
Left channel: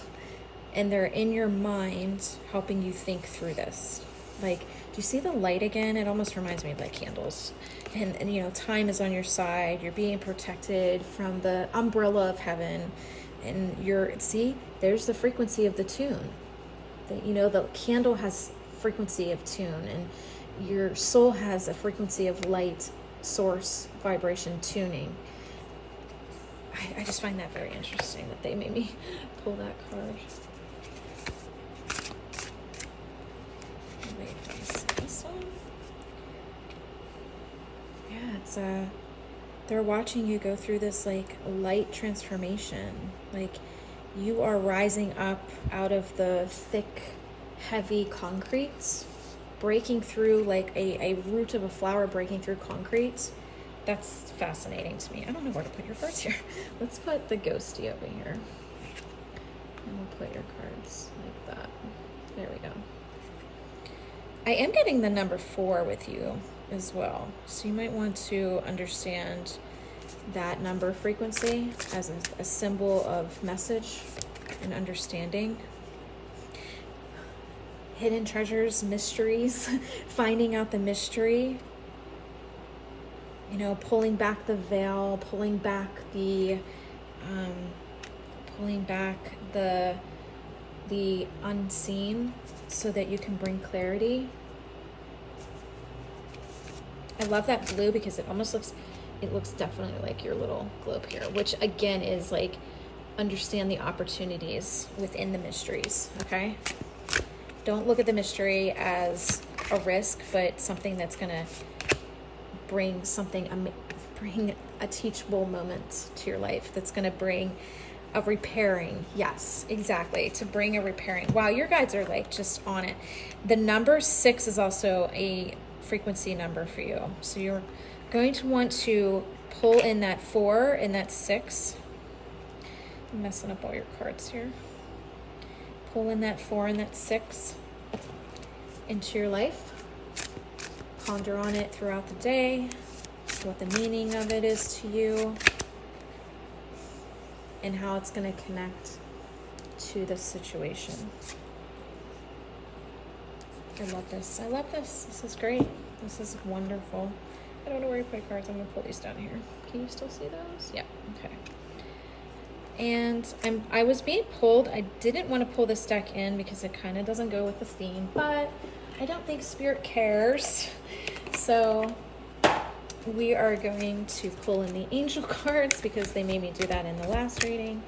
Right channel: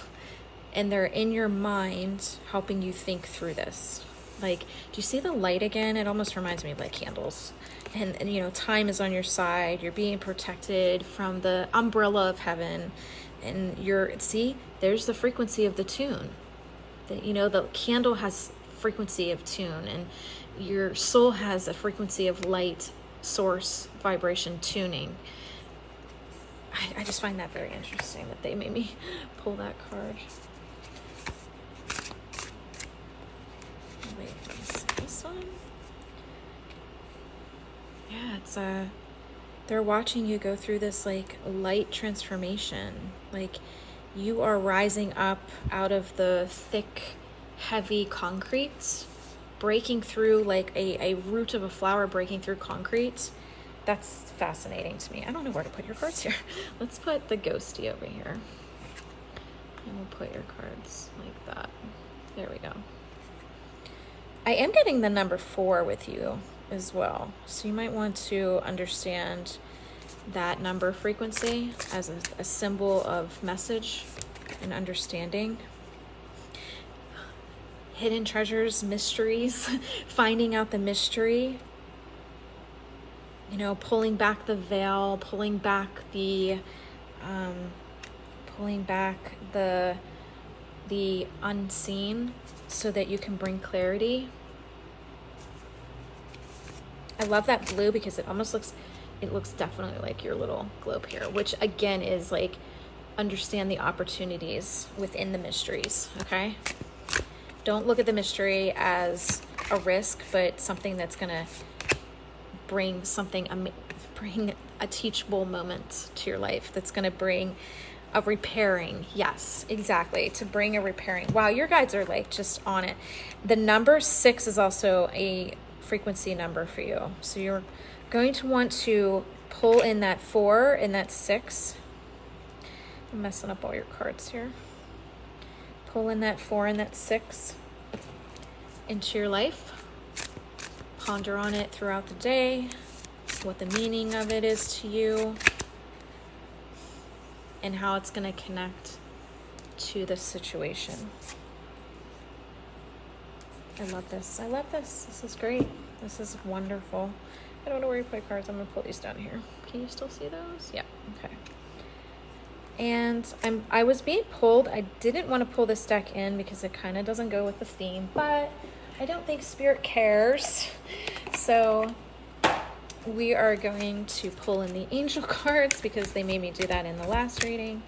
and they're in your mind helping you think through this. Like, do you see the light again? It almost reminds me of like candles. And time is on your side. You're being protected from the umbrella of heaven. And there's the frequency of the tune. The candle has frequency of tune, and your soul has a frequency of light, source, vibration, tuning. I just find that very interesting that they made me pull that card. This one? Yeah, it's they're watching you go through this like light transformation. Like you are rising up out of the thick, heavy concrete, breaking through like a root of a flower breaking through concrete. That's fascinating to me. I don't know where to put your cards here. Let's put the ghosty over here. And we'll put your cards like that. There we go. I am getting the number 4 with you as well. So you might want to understand that number frequency as a symbol of message and understanding. Hidden treasures, mysteries, finding out the mystery. Pulling back the veil, pulling back the unseen so that you can bring clarity. I love that blue because it almost looks, it looks definitely like your little globe here, which again is like, understand the opportunities within the mysteries, okay? Don't look at the mystery as a risk, but something that's gonna bring something, bring a teachable moment to your life, that's gonna bring a repairing. Yes, exactly, to bring a repairing. Wow, your guides are like just on it. The number 6 is also a frequency number for you. So you're going to want to pull in that 4 and that 6. I'm messing up all your cards here. Pull in that 4 and that 6 into your life. Ponder on it throughout the day, what the meaning of it is to you, and how it's going to connect to the situation. I love this. I love this. This is great. This is wonderful. I don't know where you put cards. I'm going to pull these down here. Can you still see those? Yeah. Okay. And I was being pulled. I didn't want to pull this deck in because it kind of doesn't go with the theme, but I don't think Spirit cares. So we are going to pull in the angel cards because they made me do that in the last reading.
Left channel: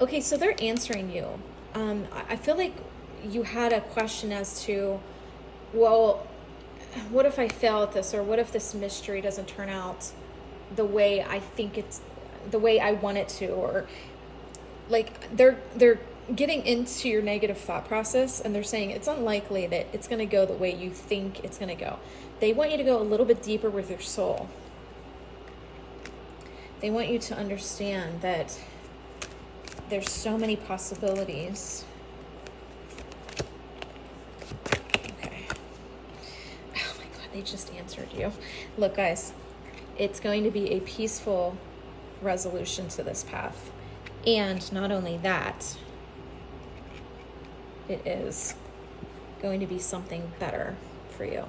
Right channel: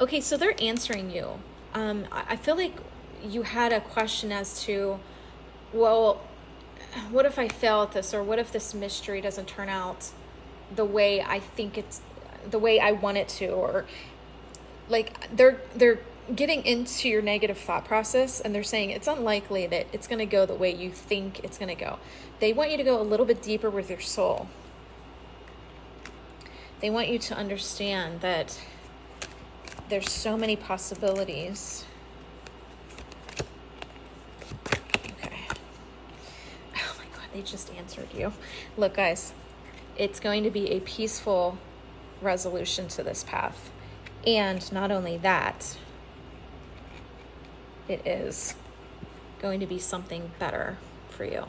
Okay, so they're answering you. I feel like you had a question as to, well, what if I fail at this, or what if this mystery doesn't turn out the way I think it's, the way I want it to, or like they're getting into your negative thought process, and they're saying it's unlikely that it's going to go the way you think it's going to go. They want you to go a little bit deeper with your soul. They want you to understand that there's so many possibilities. Okay. Oh my God, they just answered you. Look, guys, it's going to be a peaceful resolution to this path. And not only that, it is going to be something better for you.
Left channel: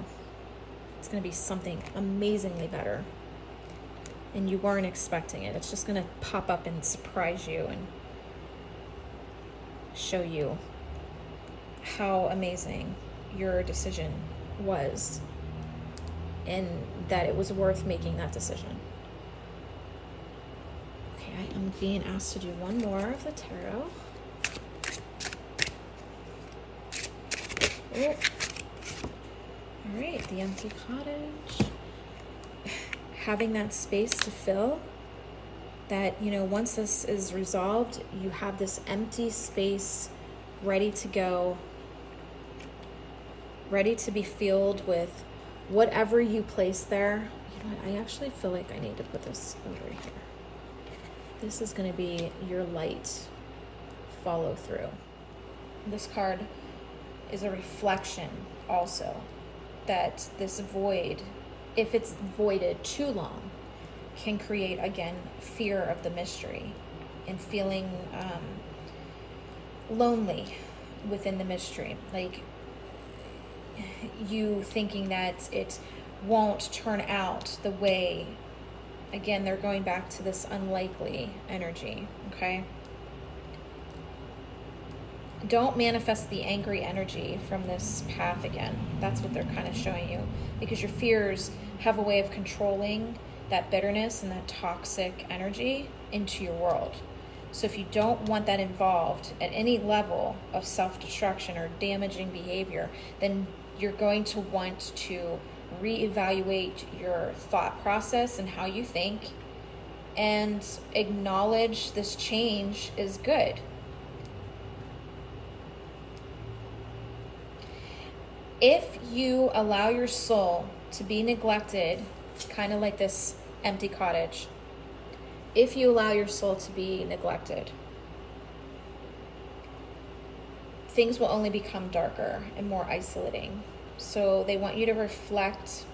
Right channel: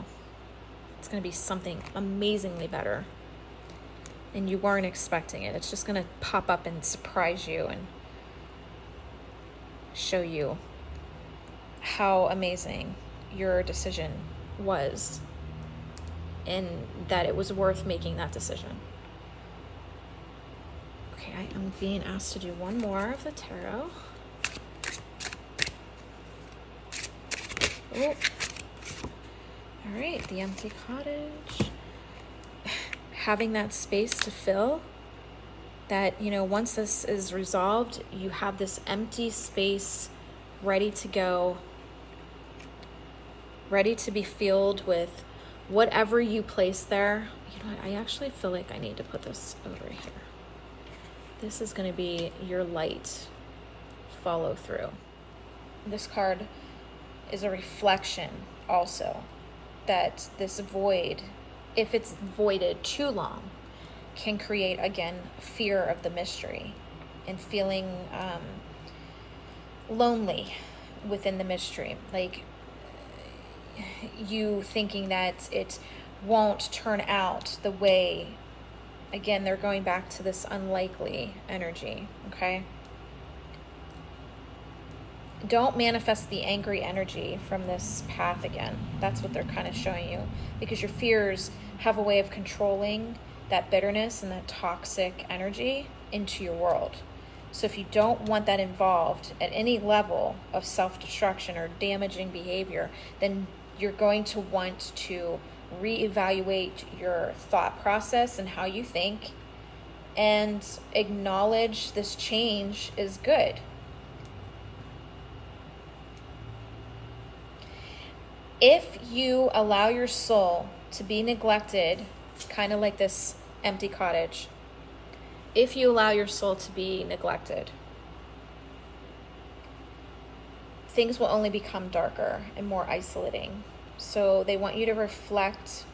It's going to be something amazingly better. And you weren't expecting it. It's just going to pop up and surprise you and show you how amazing your decision was, and that it was worth making that decision. Okay, I am being asked to do one more of the tarot. Oh. All right, the empty cottage. Having that space to fill, that, you know, once this is resolved, you have this empty space ready to go, ready to be filled with whatever you place there. You know what, I actually feel like I need to put this over here. This is going to be your light follow through. This card is a reflection also that this void, if it's voided too long, can create, again, fear of the mystery and feeling lonely within the mystery. Like you thinking that it won't turn out the way, again, they're going back to this unlikely energy, okay? Don't manifest the angry energy from this path again. That's what they're kind of showing you, because your fears have a way of controlling that bitterness and that toxic energy into your world. So if you don't want that involved at any level of self-destruction or damaging behavior, then you're going to want to reevaluate your thought process and how you think, and acknowledge this change is good. If you allow your soul to be neglected, kind of like this empty cottage, if you allow your soul to be neglected, things will only become darker and more isolating. So they want you to reflect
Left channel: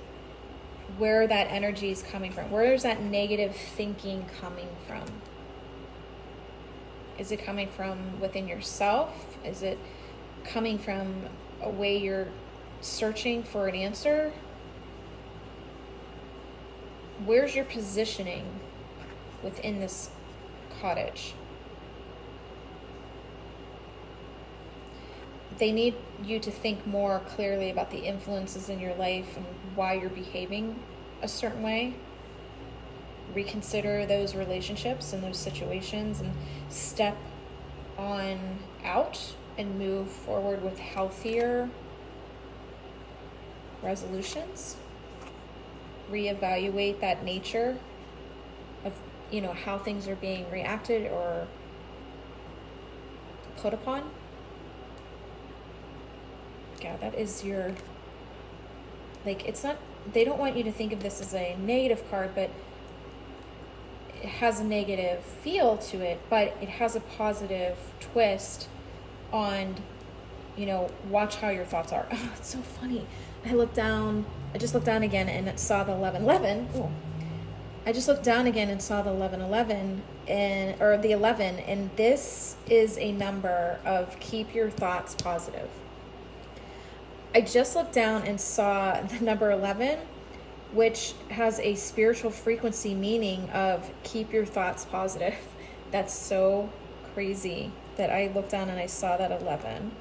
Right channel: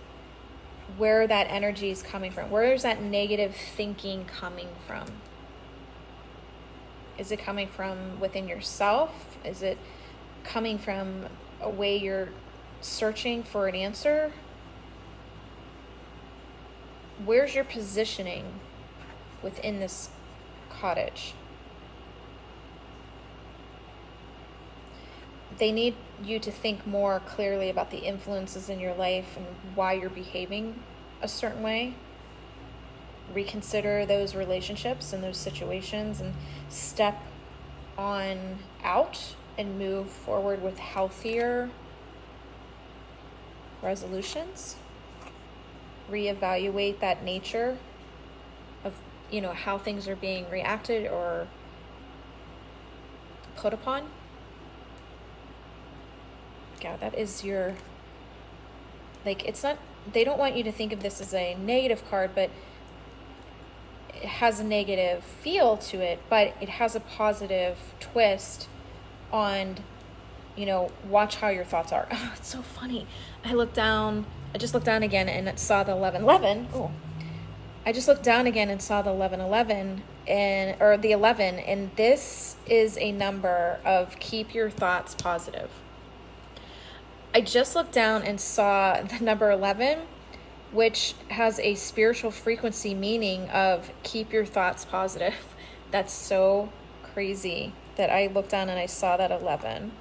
where that energy is coming from. Where is that negative thinking coming from? Is it coming from within yourself? Is it coming from a way you're searching for an answer? Where's your positioning within this cottage? they need you to think more clearly about the influences in your life and why you're behaving a certain way. Reconsider those relationships and those situations and step on out and move forward with healthier resolutions. Reevaluate that nature of, you know, how things are being reacted or put upon. Yeah, that is your, like, it's not, they don't want you to think of this as a negative card, but it has a negative feel to it, but it has a positive twist on, you know, watch how your thoughts are. Oh, it's so funny. I just looked down again and it saw the 1111. Oh, I just looked down again and saw the 1111 or the 11, and this is a number of keep your thoughts positive. I just looked down and saw the number 11, which has a spiritual frequency meaning of keep your thoughts positive. That's so crazy that I looked down and I saw that 11.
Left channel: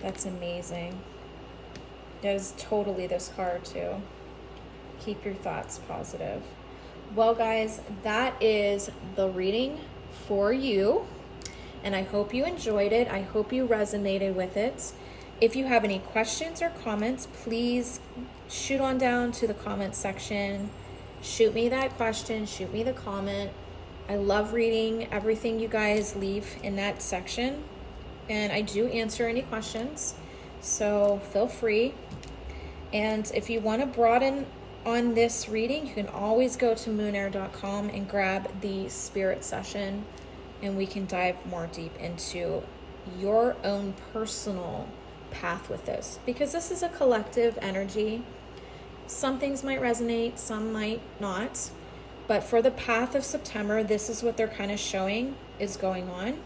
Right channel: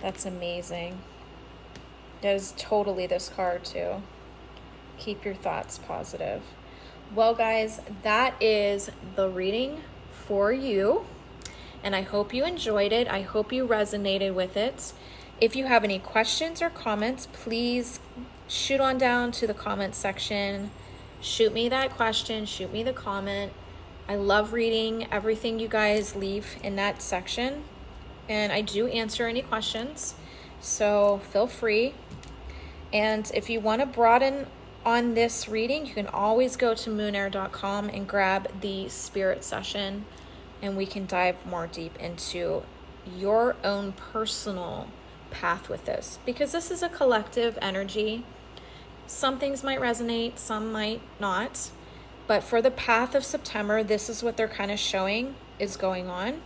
That's amazing. That is totally this card too. Keep your thoughts positive. Well, guys, that is the reading for you. And I hope you enjoyed it. I hope you resonated with it. If you have any questions or comments, please shoot on down to the comment section. Shoot me that question, shoot me the comment. I love reading everything you guys leave in that section. And I do answer any questions, so feel free. And if you want to broaden on this reading, you can always go to moonair.com and grab the spirit session, and we can dive more deep into your own personal path with this, because this is a collective energy. Some things might resonate, some might not, but for the path of September, this is what they're kind of showing is going on.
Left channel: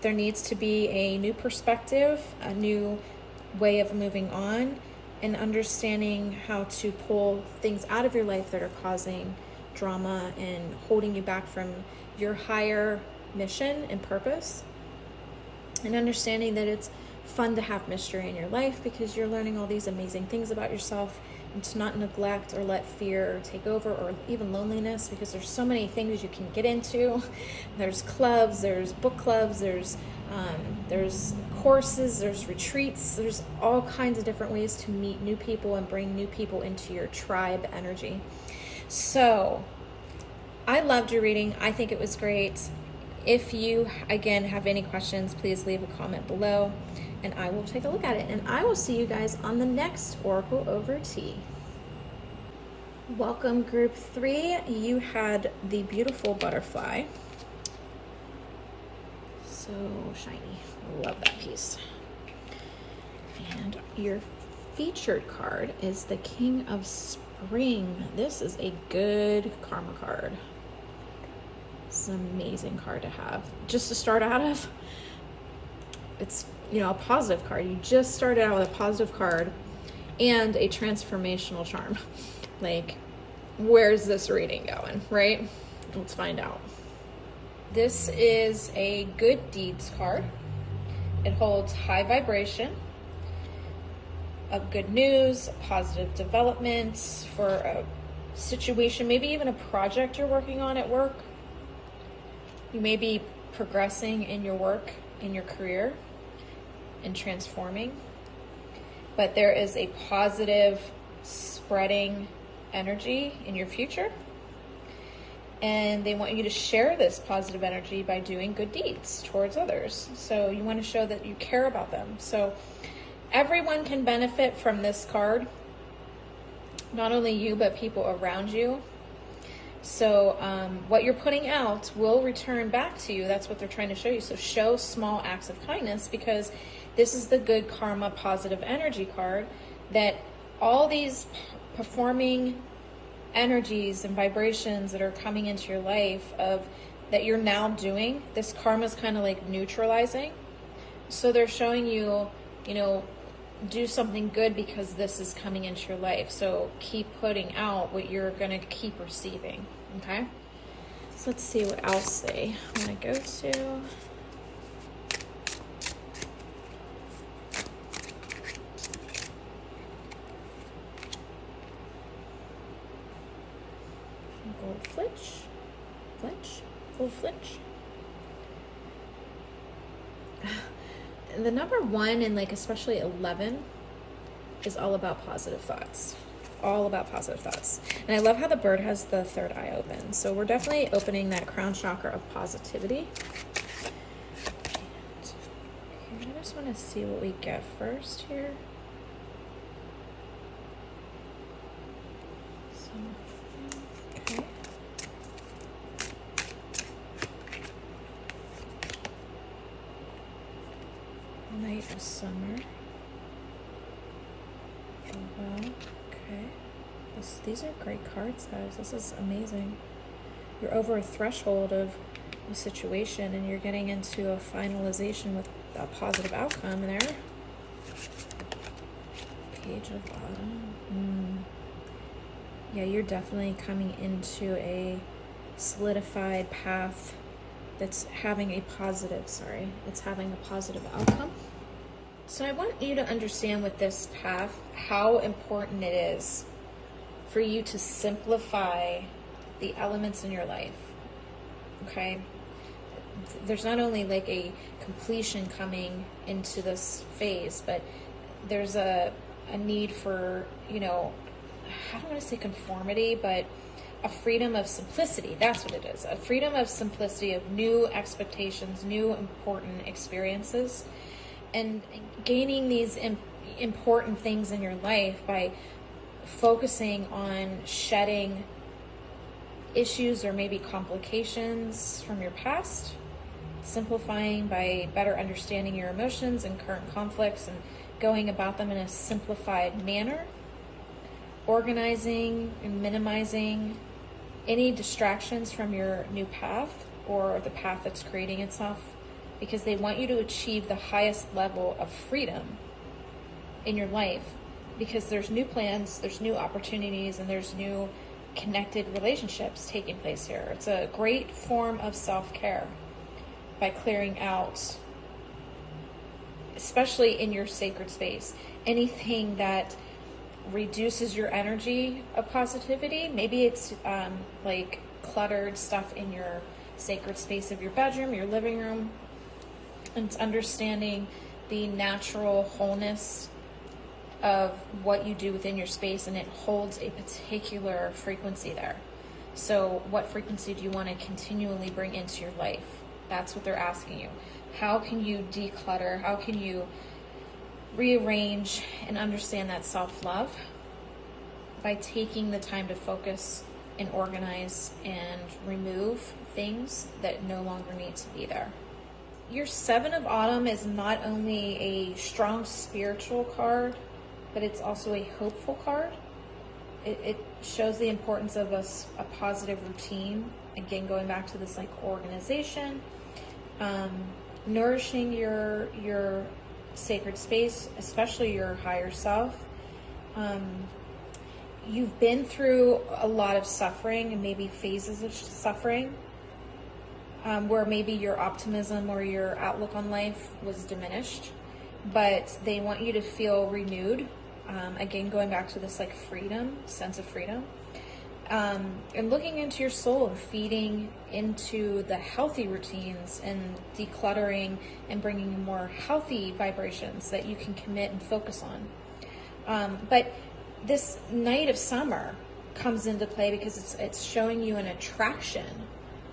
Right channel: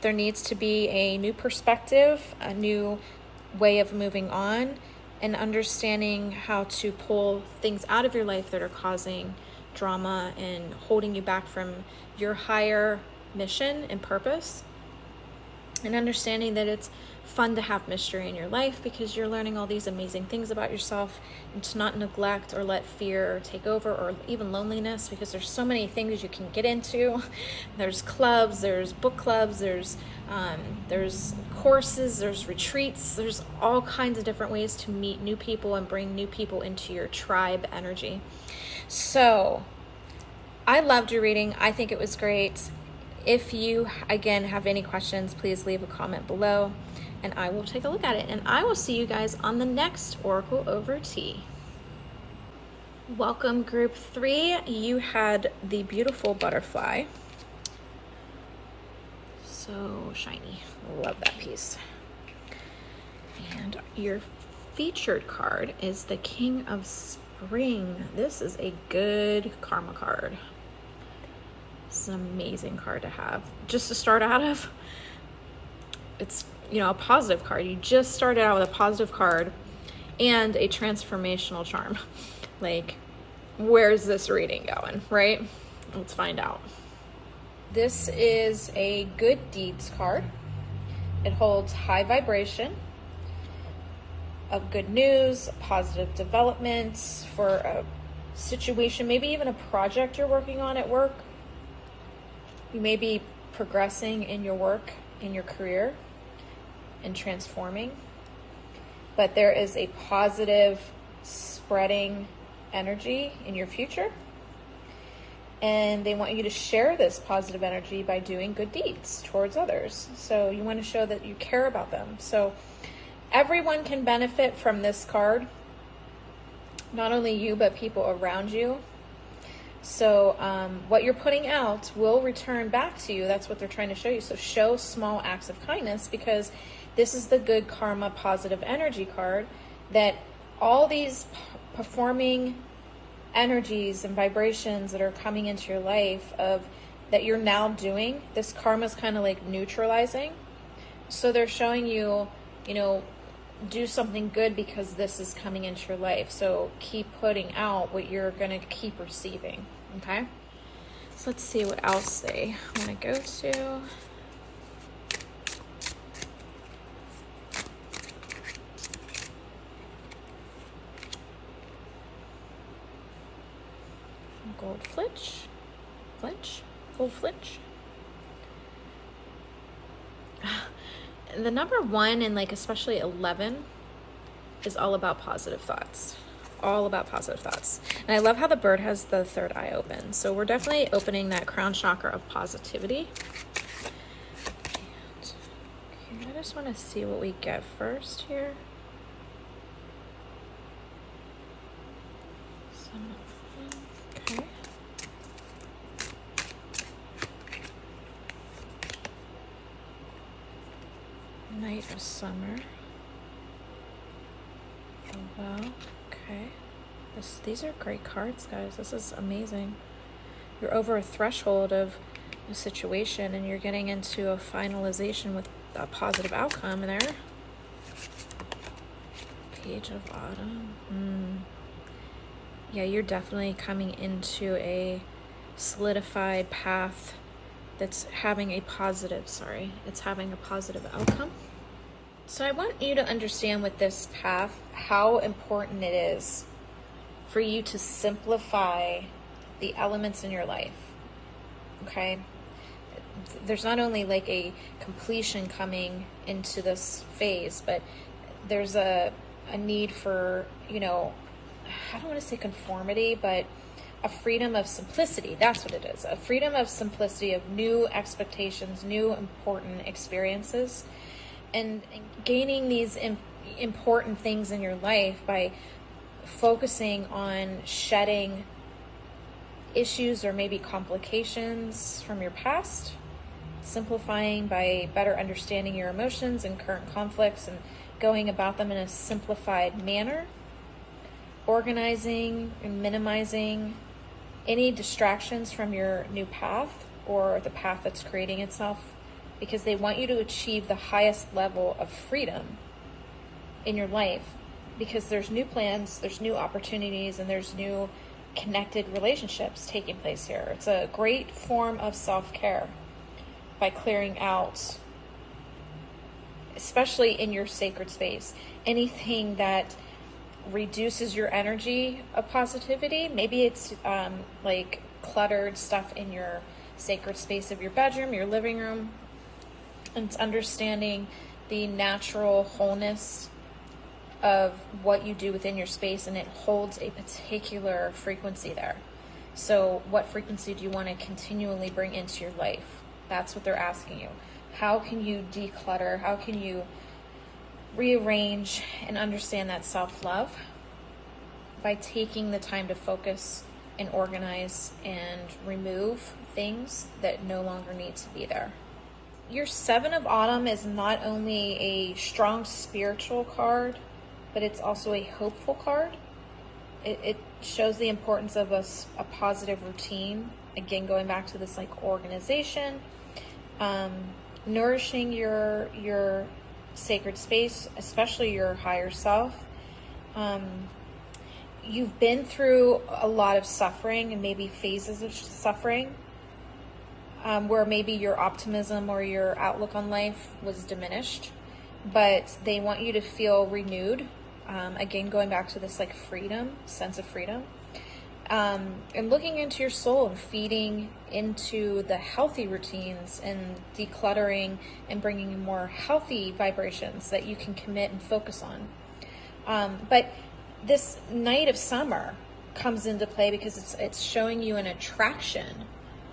There needs to be a new perspective, a new way of moving on, and understanding how to pull things out of your life that are causing drama and holding you back from your higher mission and purpose, and understanding that it's fun to have mystery in your life because you're learning all these amazing things about yourself, and to not neglect or let fear take over, or even loneliness, because there's so many things you can get into. There's clubs, there's book clubs, there's courses, there's retreats, there's all kinds of different ways to meet new people and bring new people into your tribe energy. So I loved your reading. I think it was great. If you, again, have any questions, please leave a comment below and I will take a look at it. And I will see you guys on the next Oracle Over Tea. Welcome, group 3. You had the beautiful butterfly. So shiny. Love that piece. And your featured card is the King of Spring. This is a good karma card. It's an amazing card to have. Just to start out of, it's, you know, a positive card. You just started out with a positive card and a transformational charm. Like, where's this reading going, right? Let's find out. This is a good deeds card. It holds high vibration of good news, positive developments for a situation, maybe even a project you're working on at work. You may be progressing in your work, in your career, and transforming. But there is a positive spreading energy in your future. And they want you to share this positive energy by doing good deeds towards others. So you want to show that you care about them. So everyone can benefit from this card. Not only you, but people around you. So what you're putting out will return back to you. That's what they're trying to show you. So show small acts of kindness, because this is the good karma positive energy card, that all these performing energies and vibrations that are coming into your life of that you're now doing, this karma is kind of like neutralizing. So they're showing you, you know, do something good because this is coming into your life. So keep putting out what you're going to keep receiving. Okay. So let's see what else they want to go to. gold flitch. The number 1 and like especially 11 is all about positive thoughts. All about positive thoughts. And I love how the bird has the third eye open. So we're definitely opening that crown chakra of positivity. And I just want to see what we get first here. Okay. Night of summer. Oh, wow. Okay. These are great cards, guys. This is amazing. You're over a threshold of a situation and you're getting into a finalization with a positive outcome there. Page of Autumn. Yeah, you're definitely coming into a solidified path that's having a positive, it's having a positive outcome. So I want you to understand with this path how important it is for you to simplify the elements in your life, okay? There's not only like a completion coming into this phase, but there's a need for, you know, I don't want to say conformity, but a freedom of simplicity. That's what it is. A freedom of simplicity of new expectations, new important experiences, and gaining these important things in your life by focusing on shedding issues or maybe complications from your past, simplifying by better understanding your emotions and current conflicts and going about them in a simplified manner, organizing and minimizing any distractions from your new path or the path that's creating itself, because they want you to achieve the highest level of freedom in your life, because there's new plans, there's new opportunities, and there's new connected relationships taking place here. It's a great form of self-care by clearing out, especially in your sacred space, anything that reduces your energy of positivity. Maybe it's like cluttered stuff in your sacred space of your bedroom, your living room, and it's understanding the natural wholeness of what you do within your space, and it holds a particular frequency there. So what frequency do you want to continually bring into your life? That's what they're asking you. How can you declutter? How can you rearrange and understand that self-love? By taking the time to focus and organize and remove things that no longer need to be there. Your 7 of Autumn is not only a strong spiritual card, but it's also a hopeful card. It shows the importance of a positive routine. Again, going back to this like organization, nourishing your sacred space, especially your higher self. You've been through a lot of suffering and maybe phases of suffering, where maybe your optimism or your outlook on life was diminished, but they want you to feel renewed. Again, going back to this like freedom, sense of freedom, and looking into your soul and feeding into the healthy routines and decluttering and bringing more healthy vibrations that you can commit and focus on. But this night of summer comes into play because it's showing you an attraction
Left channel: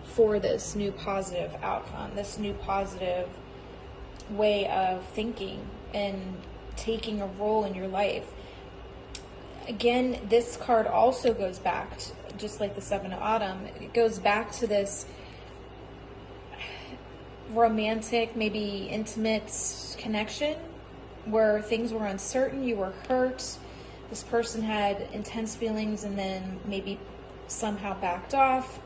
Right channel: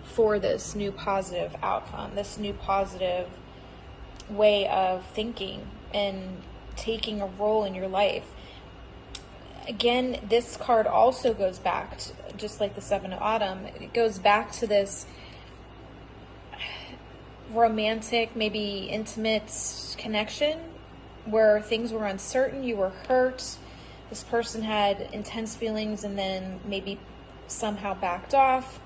for this new positive outcome, this new positive way of thinking and taking a role in your life. Again, this card also goes back to, just like the 7 of Autumn, it goes back to this romantic, maybe intimate connection where things were uncertain, you were hurt, this person had intense feelings and then maybe somehow backed off,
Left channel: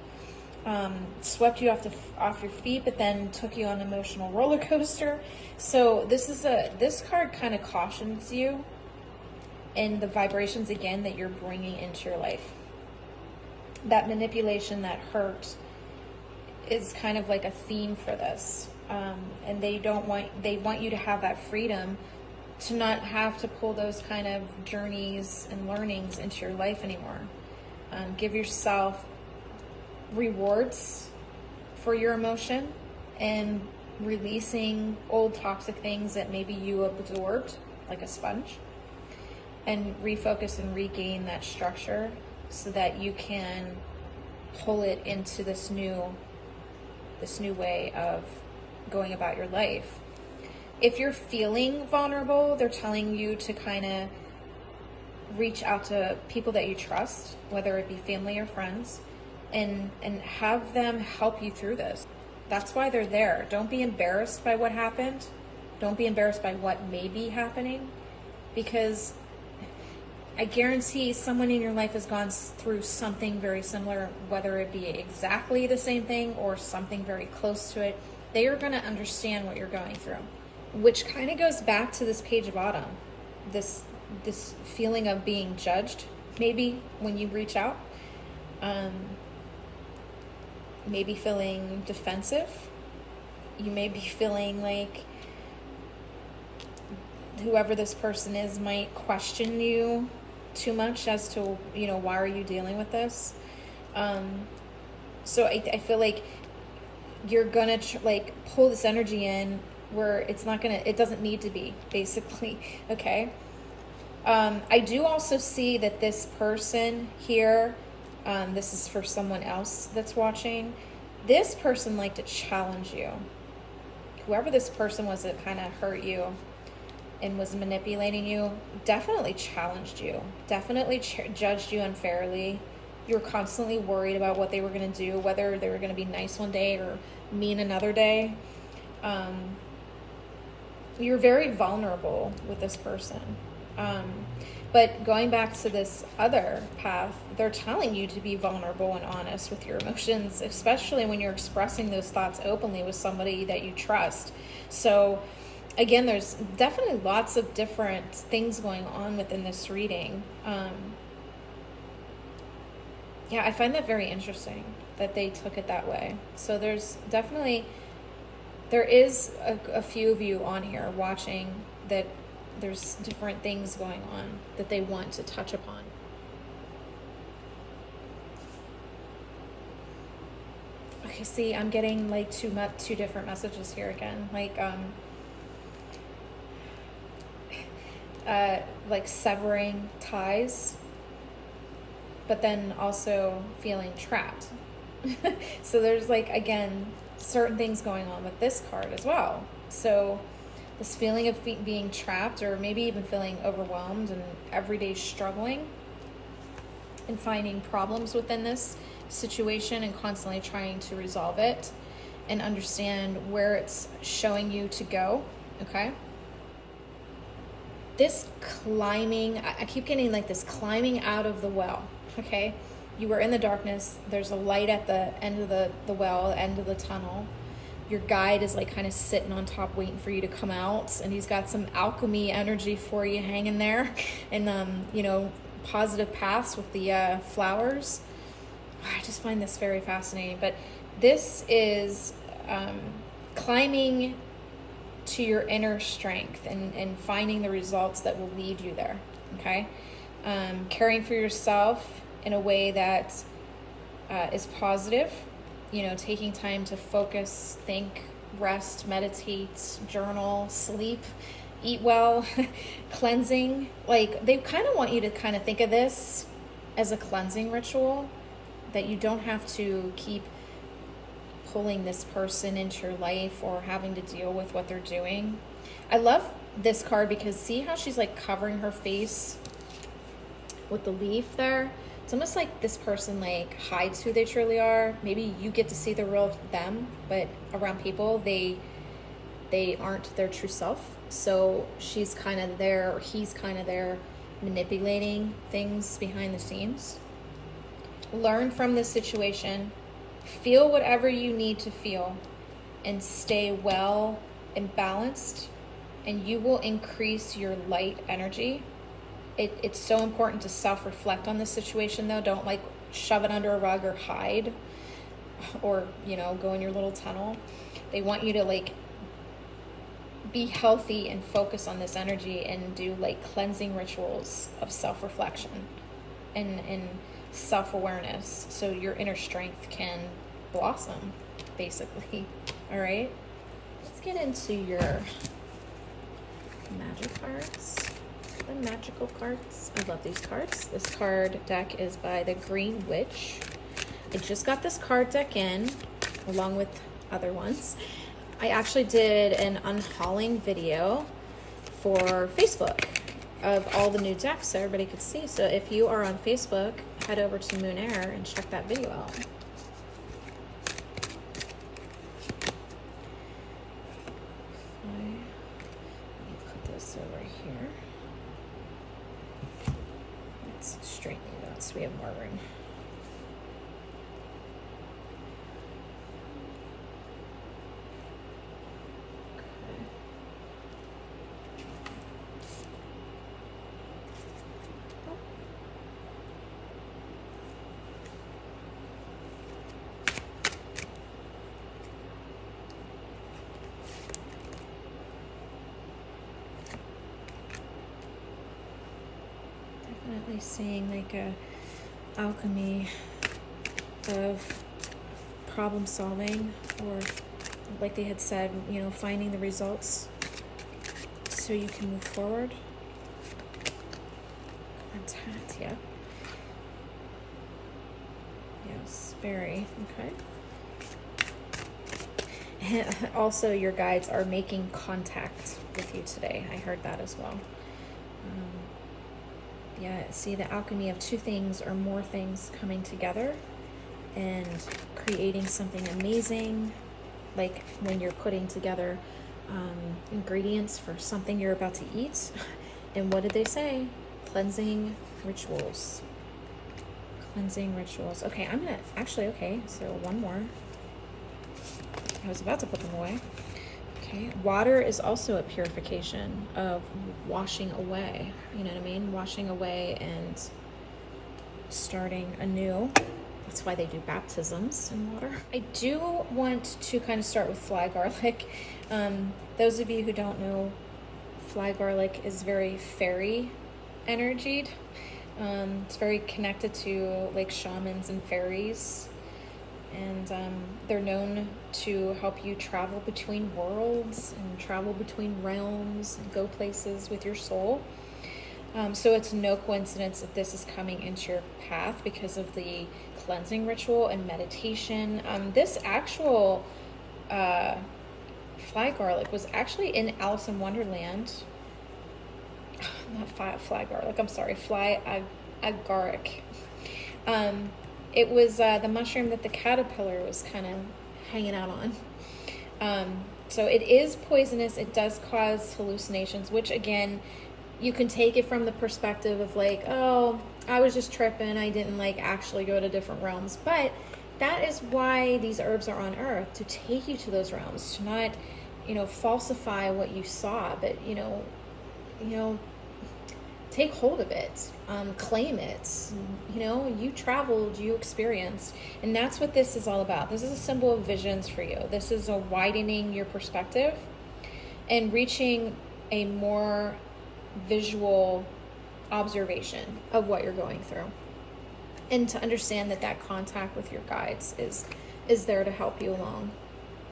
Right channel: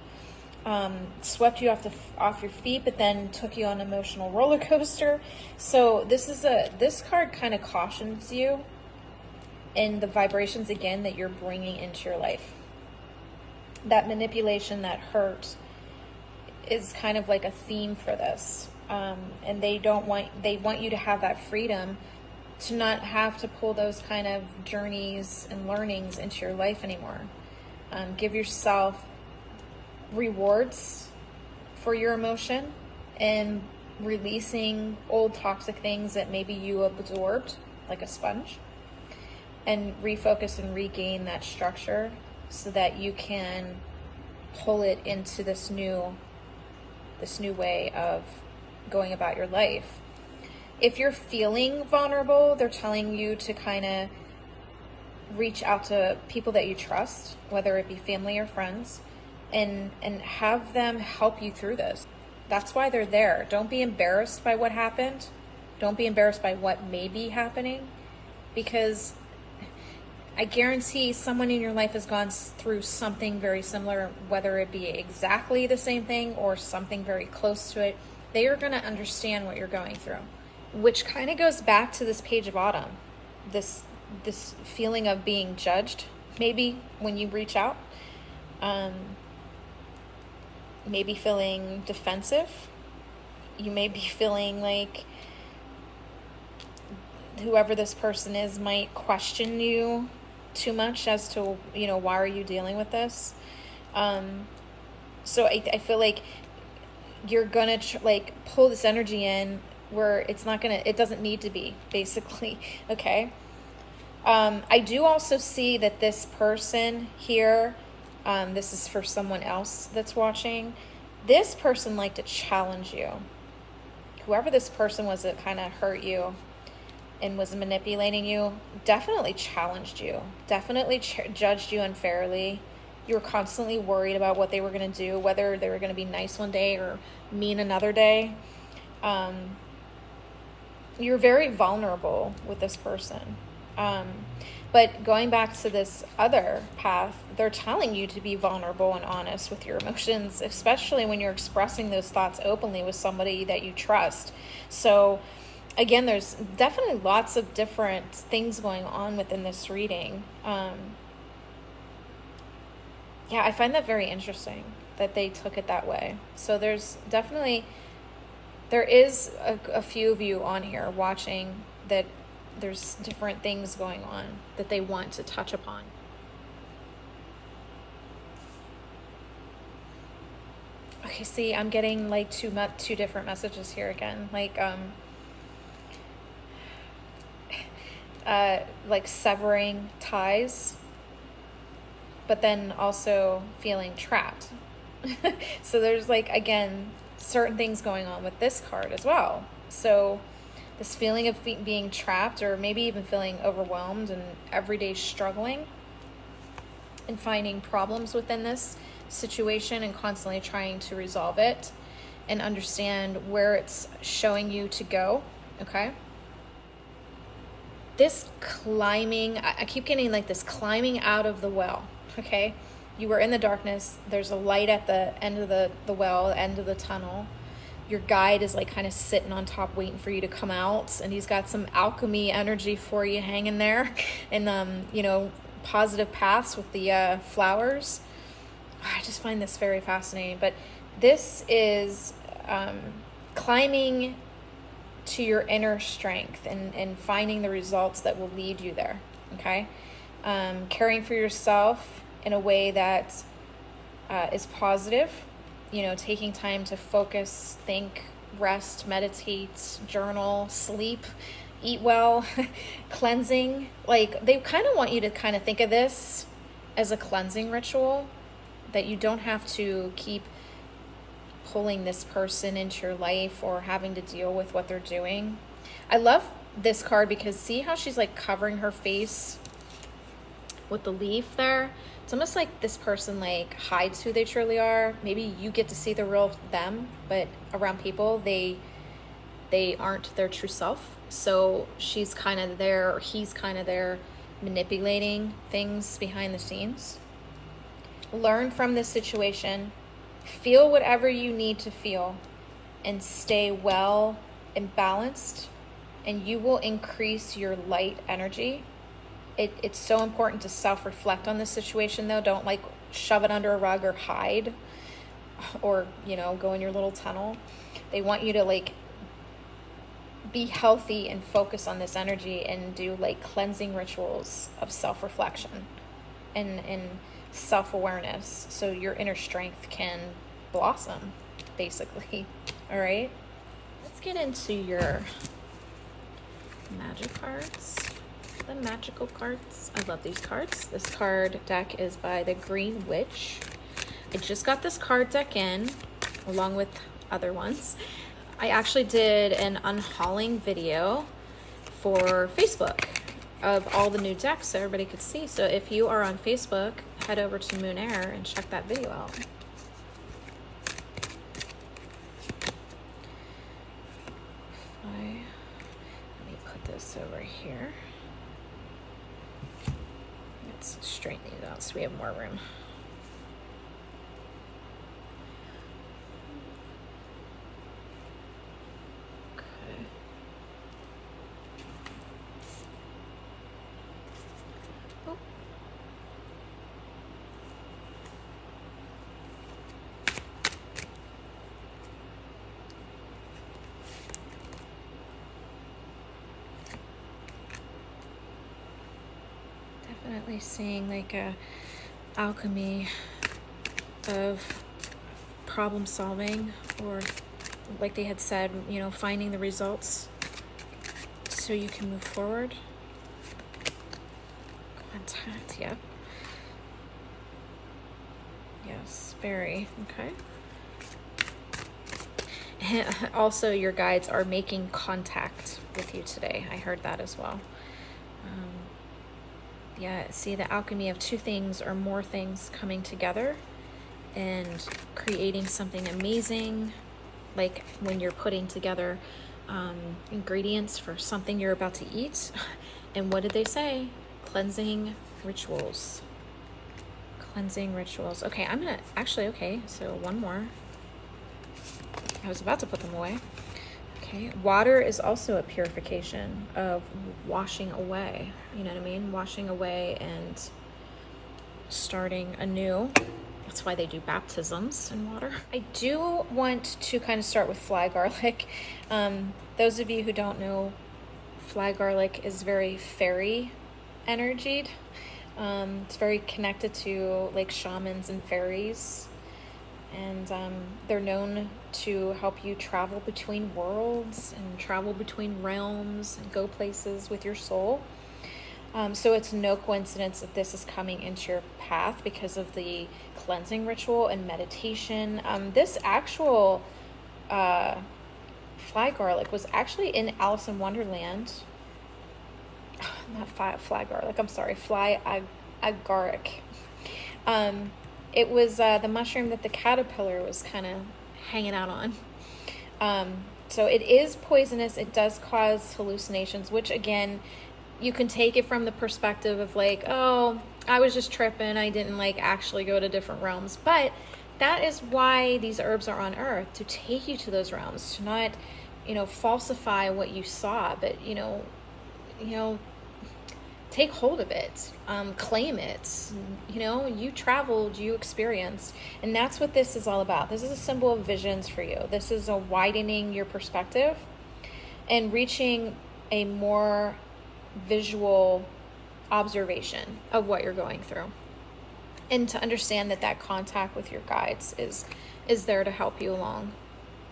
swept you off your feet, but then took you on an emotional roller coaster. So this card kind of cautions you in the vibrations again that you're bringing into your life. That manipulation, that hurt, is kind of like a theme for this, and they want you to have that freedom to not have to pull those kind of journeys and learnings into your life anymore. Give yourself rewards for your emotion and releasing old toxic things that maybe you absorbed like a sponge, and refocus and regain that structure so that you can pull it into this new way of going about your life. If you're feeling vulnerable, they're telling you to kind of reach out to people that you trust, whether it be family or friends, and have them help you through this. That's why they're there. Don't be embarrassed by what happened. Don't be embarrassed by what may be happening, because I guarantee someone in your life has gone through something very similar, whether it be exactly the same thing or something very close to it. They are going to understand what you're going through, which kind of goes back to this page of autumn, this feeling of being judged, maybe when you reach out, maybe feeling defensive. You may be feeling like whoever this person is might question you too much as to, why are you dealing with this? So I feel like you're gonna pull this energy in where it doesn't need to be, basically. Okay. I do also see that this person here, this is for someone else that's watching. This person liked to challenge you. Whoever this person was that kind of hurt you and was manipulating you definitely challenged you, definitely judged you unfairly. You were constantly worried about what they were going to do, whether they were going to be nice one day or mean another day. You're very vulnerable with this person. But going back to this other path, they're telling you to be vulnerable and honest with your emotions, especially when you're expressing those thoughts openly with somebody that you trust. So again, there's definitely lots of different things going on within this reading. I find that very interesting that they took it that way. So there is a few of you on here watching that there's different things going on that they want to touch upon. Okay, see, I'm getting like two different messages here again. Like severing ties, but then also feeling trapped. So there's again, certain things going on with this card as well. So this feeling of being trapped, or maybe even feeling overwhelmed and everyday struggling and finding problems within this situation and constantly trying to resolve it and understand where it's showing you to go. Okay. This climbing, I keep getting this climbing out of the well. Okay. You were in the darkness. There's a light at the end of the well, end of the tunnel. Your guide is kind of sitting on top waiting for you to come out, and he's got some alchemy energy for you hanging there, and positive paths with the flowers. I just find this very fascinating. But this is climbing to your inner strength and finding the results that will lead you there. Okay. Caring for yourself in a way that is positive. Taking time to focus, think, rest, meditate, journal, sleep, eat well, cleansing. They kind of want you to kind of think of this as a cleansing ritual, that you don't have to keep pulling this person into your life or having to deal with what they're doing. I love this card because see how she's covering her face with the leaf there? It's almost like this person hides who they truly are. Maybe you get to see the real them, but around people, they aren't their true self. So she's kind of there, or he's kind of there, manipulating things behind the scenes. Learn from this situation. Feel whatever you need to feel and stay well and balanced, and you will increase your light energy. It's so important to self-reflect on this situation, though. Don't shove it under a rug or hide, or go in your little tunnel. They want you to be healthy and focus on this energy and do cleansing rituals of self-reflection and self-awareness so your inner strength can blossom, basically. All right, let's get into your magic cards. The magical cards. I love these cards. This card deck is by the Green Witch. I just got this card deck in along with other ones. I actually did an unhauling video for Facebook of all the new decks so everybody could see. So if you are on Facebook, head over to Moon Air and check that video out. Let me put this over here. Let's straighten these out so we have more room. Definitely seeing like a alchemy of problem solving, or like they had said, you know, finding the results so you can move forward. Contact, yeah. Yes, very, okay. Also, your guides are making contact with you today. I heard that as well. Yeah, see the alchemy of two things or more things coming together and creating something amazing, like when you're putting together ingredients for something you're about to eat. And what did they say? Cleansing rituals. Cleansing rituals. Okay, I'm gonna actually, okay, so one more. I was about to put them away. Okay, water is also a purification of washing away, you know what I mean? Washing away and starting anew. That's why they do baptisms in water. I do want to kind of start with fly garlic. Those of you who don't know, fly garlic is very fairy energied. It's very connected to like shamans and fairies. And they're known to help you travel between worlds and travel between realms and go places with your soul. So it's no coincidence that this is coming into your path because of the cleansing ritual and meditation. This actual fly garlic was actually in Alice in Wonderland. Not fly garlic, I'm sorry, fly agaric. It was the mushroom that the caterpillar was kind of hanging out on. So it is poisonous. It does cause hallucinations, which again, you can take it from the perspective of like, oh, I was just tripping. I didn't like actually go to different realms. But that is why these herbs are on earth, to take you to those realms, to not, you know, falsify what you saw, but, you know, take hold of it, claim it. You know, you traveled, you experienced, and that's what this is all about. This is a symbol of visions for you. This is a widening your perspective and reaching a more visual observation of what you're going through, and to understand that that contact with your guides is there to help you along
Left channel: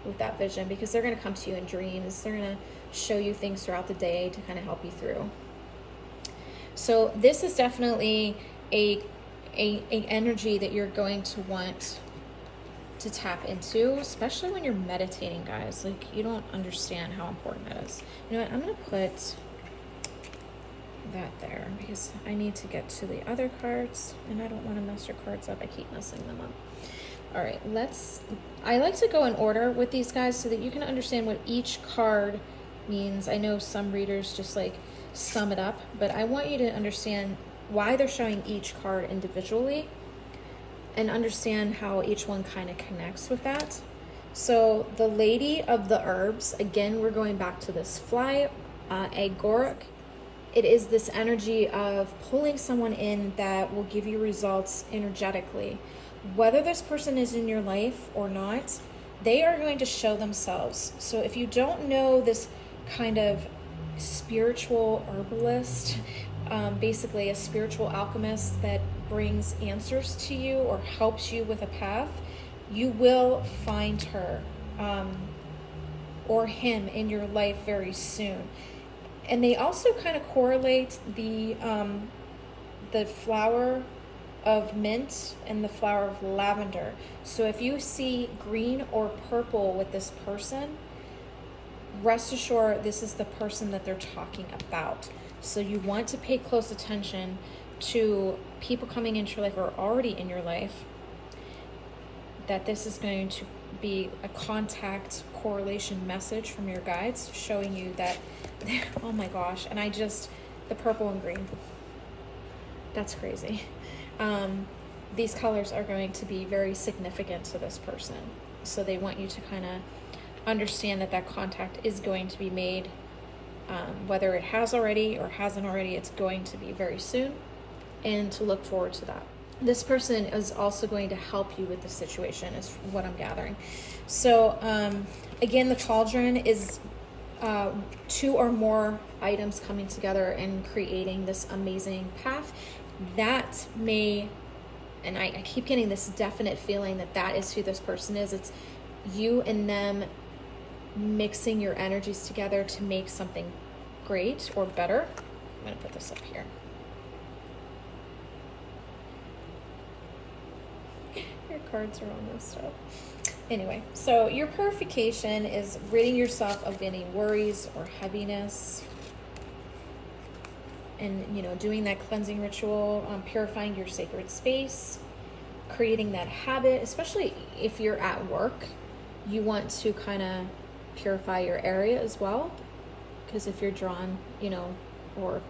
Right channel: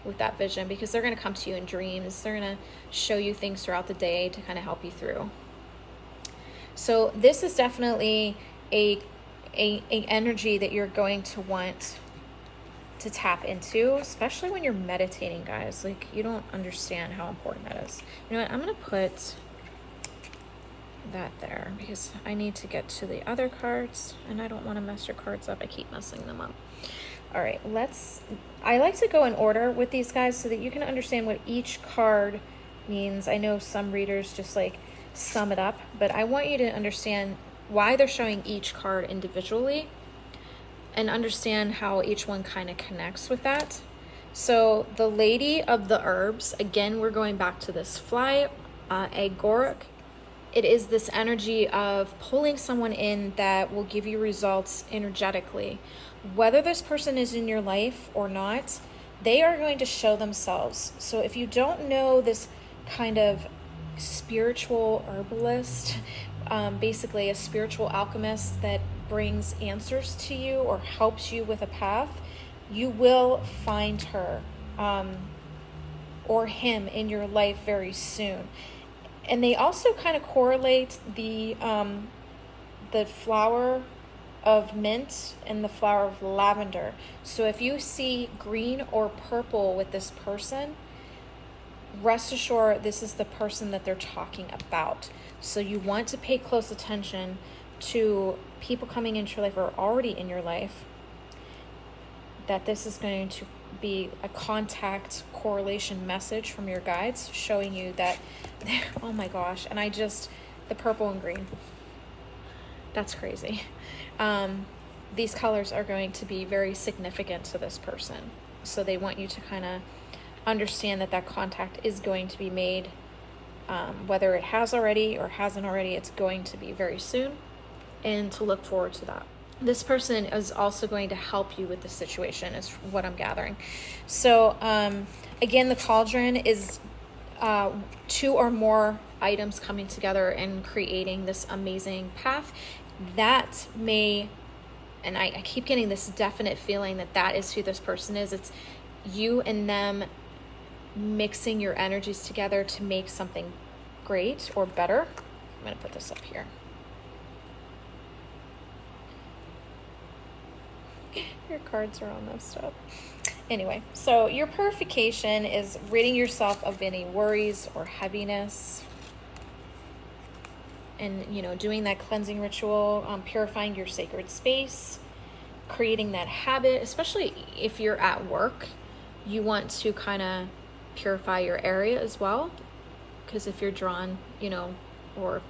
with that vision, because they're going to come to you in dreams. They're going to show you things throughout the day to kind of help you through. So this is definitely a energy that you're going to want to tap into, especially when you're meditating, guys. Like, you don't understand how important that is. You know what? I'm going to put that there because I need to get to the other cards and I don't want to mess your cards up. I keep messing them up. All right, I like to go in order with these guys so that you can understand what each card means. I know some readers just like sum it up, but I want you to understand why they're showing each card individually and understand how each one kind of connects with that. So the Lady of the Herbs, again, we're going back to this fly agoric. It is this energy of pulling someone in that will give you results energetically. Whether this person is in your life or not, they are going to show themselves. So if you don't know this kind of spiritual herbalist, basically a spiritual alchemist that brings answers to you or helps you with a path, you will find her or him in your life very soon. And they also kind of correlate the flower of mint and the flower of lavender. So if you see green or purple with this person, rest assured this is the person that they're talking about. So you want to pay close attention to people coming into your life or already in your life, that this is going to be a contact correlation message from your guides showing you that, oh my gosh, and the purple and green, that's crazy. These colors are going to be very significant to this person. So they want you to kind of understand that contact is going to be made, whether it has already or hasn't already, it's going to be very soon, and to look forward to that. This person is also going to help you with the situation, is what I'm gathering. So again, the cauldron is 2 or more items coming together and creating this amazing path. That may, and I keep getting this definite feeling that is who this person is. It's you and them mixing your energies together to make something great or better. I'm going to put this up here. Your cards are all messed up. Anyway, so your purification is ridding yourself of any worries or heaviness, and doing that cleansing ritual, purifying your sacred space, creating that habit. Especially if you're at work, you want to kind of purify your area as well, because if you're drawn, or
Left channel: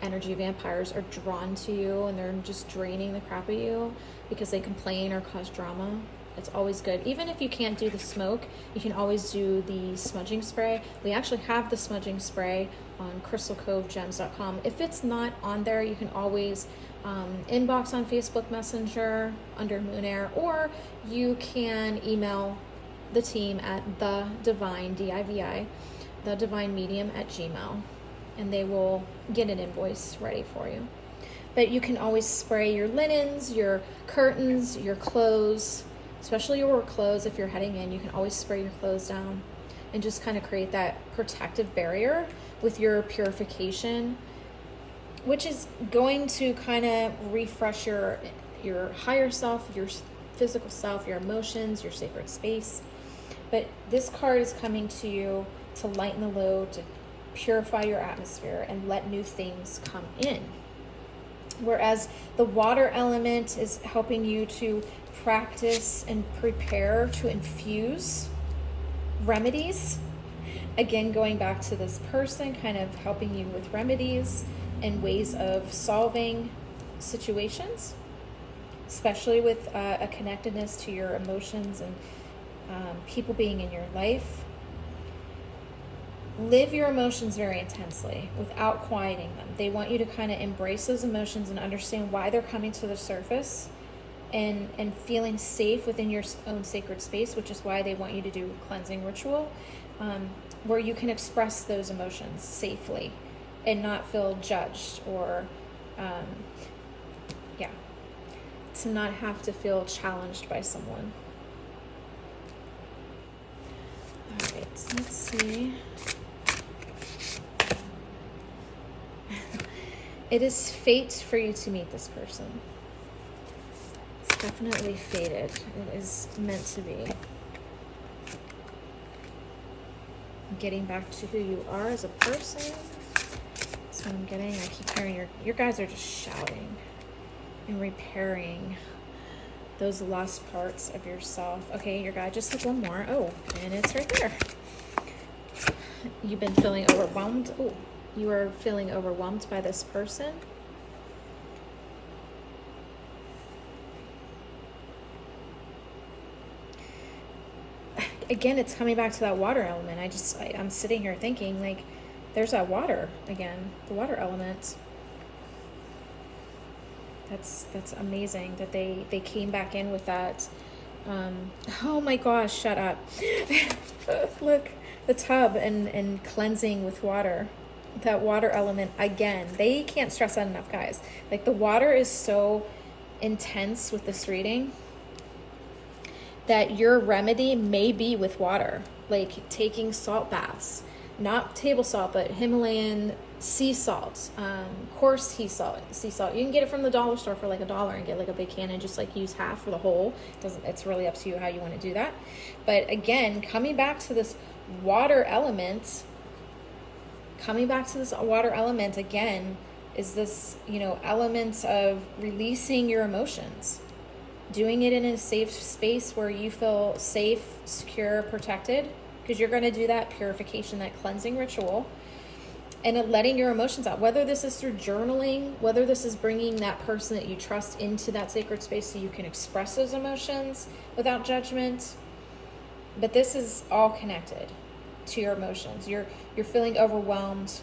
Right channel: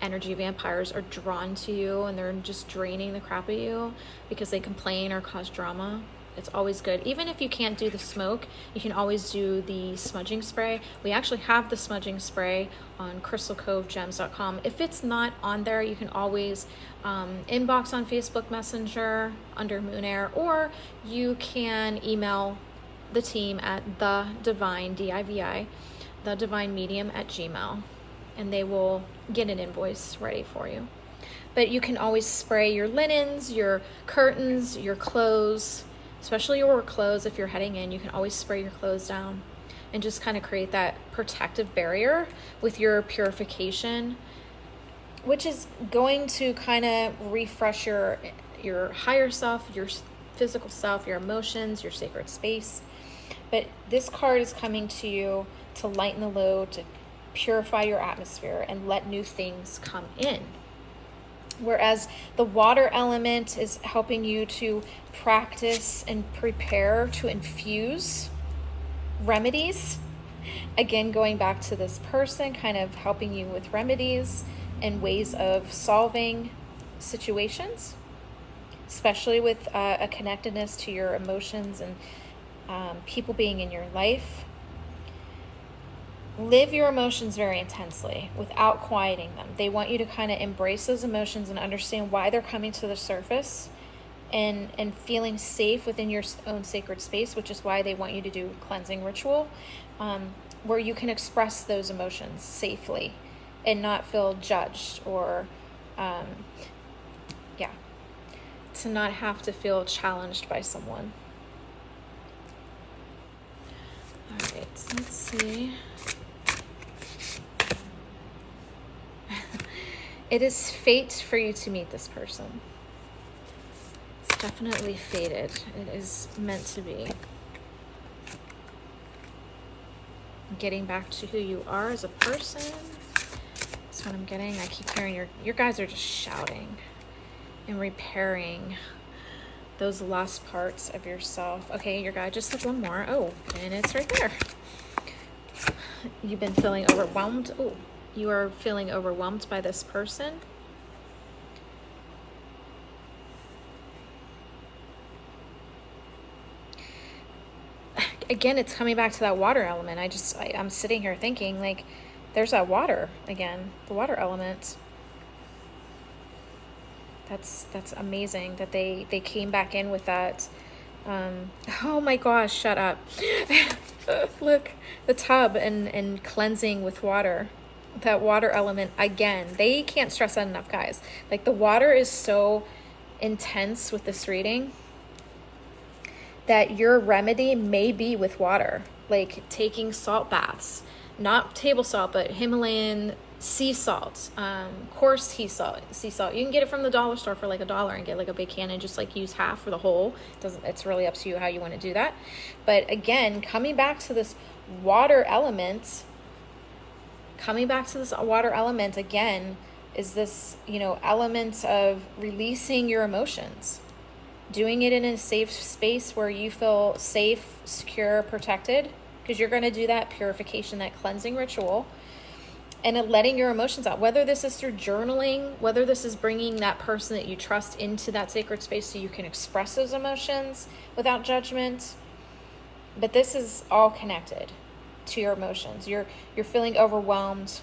energy vampires are drawn to you and they're just draining the crap at you because they complain or cause drama, it's always good. Even if you can't do the smoke, you can always do the smudging spray. We actually have the smudging spray on crystalcovegems.com. If it's not on there, you can always inbox on Facebook Messenger under Moon Air, or you can email the team at the divine medium at gmail, and they will get an invoice ready for you. But you can always spray your linens, your curtains, your clothes, especially your work clothes. If you're heading in, you can always spray your clothes down and just kind of create that protective barrier with your purification, which is going to kind of refresh your higher self, your physical self, your emotions, your sacred space. But this card is coming to you to lighten the load, to purify your atmosphere and let new things come in. Whereas the water element is helping you to practice and prepare to infuse remedies. Again, going back to this person, kind of helping you with remedies and ways of solving situations, especially with a connectedness to your emotions and people being in your life. Live your emotions very intensely without quieting them. They want you to kind of embrace those emotions and understand why they're coming to the surface, and feeling safe within your own sacred space, which is why they want you to do cleansing ritual, where you can express those emotions safely and not feel judged, or to not have to feel challenged by someone. All right, let's see. It is fate for you to meet this person. It's definitely fated. It is meant to be. Getting back to who you are as a person. That's what I'm getting. I keep hearing your guys are just shouting and repairing those lost parts of yourself. Okay, your guy just took one more. Oh, and it's right there. You've been feeling overwhelmed. Oh, you are feeling overwhelmed by this person. Again, it's coming back to that water element. I'm sitting here thinking, like, there's that water again, the water element. That's amazing that they came back in with that. Oh my gosh, shut up. Look, the tub and cleansing with water. That water element, again, they can't stress that enough, guys. Like, the water is so intense with this reading, that your remedy may be with water, like taking salt baths, not table salt, but Himalayan sea salt, coarse sea salt. You can get it from the dollar store for like $1 and get like a big can and just like use half for the whole. It's really up to you how you want to do that. But again, coming back to this water element again is this, element of releasing your emotions, doing it in a safe space where you feel safe, secure, protected, because you're going to do that purification, that cleansing ritual, and letting your emotions out, whether this is through journaling, whether this is bringing that person that you trust into that sacred space so you can express those emotions without judgment. But this is all connected to your emotions. You're feeling overwhelmed.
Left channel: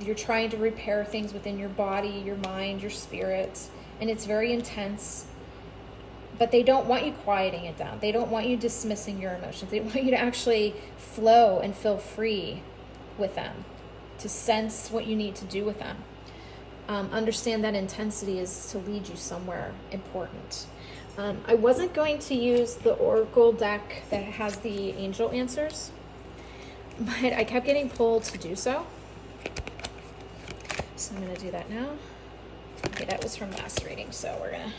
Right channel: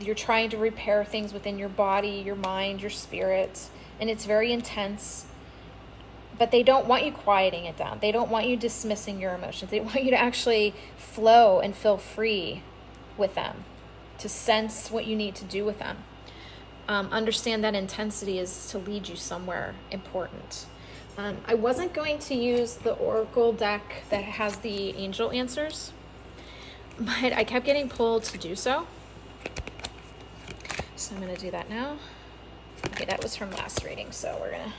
You're trying to repair things within your body, your mind, your spirit, and it's very intense. But they don't want you quieting it down. They don't want you dismissing your emotions. They want you to actually flow and feel free with them, to sense what you need to do with them. Understand that intensity is to lead you somewhere important. I wasn't going to use the Oracle deck that has the angel answers, but I kept getting pulled to do so. So I'm going to do that now. Okay, that was from last reading, so we're going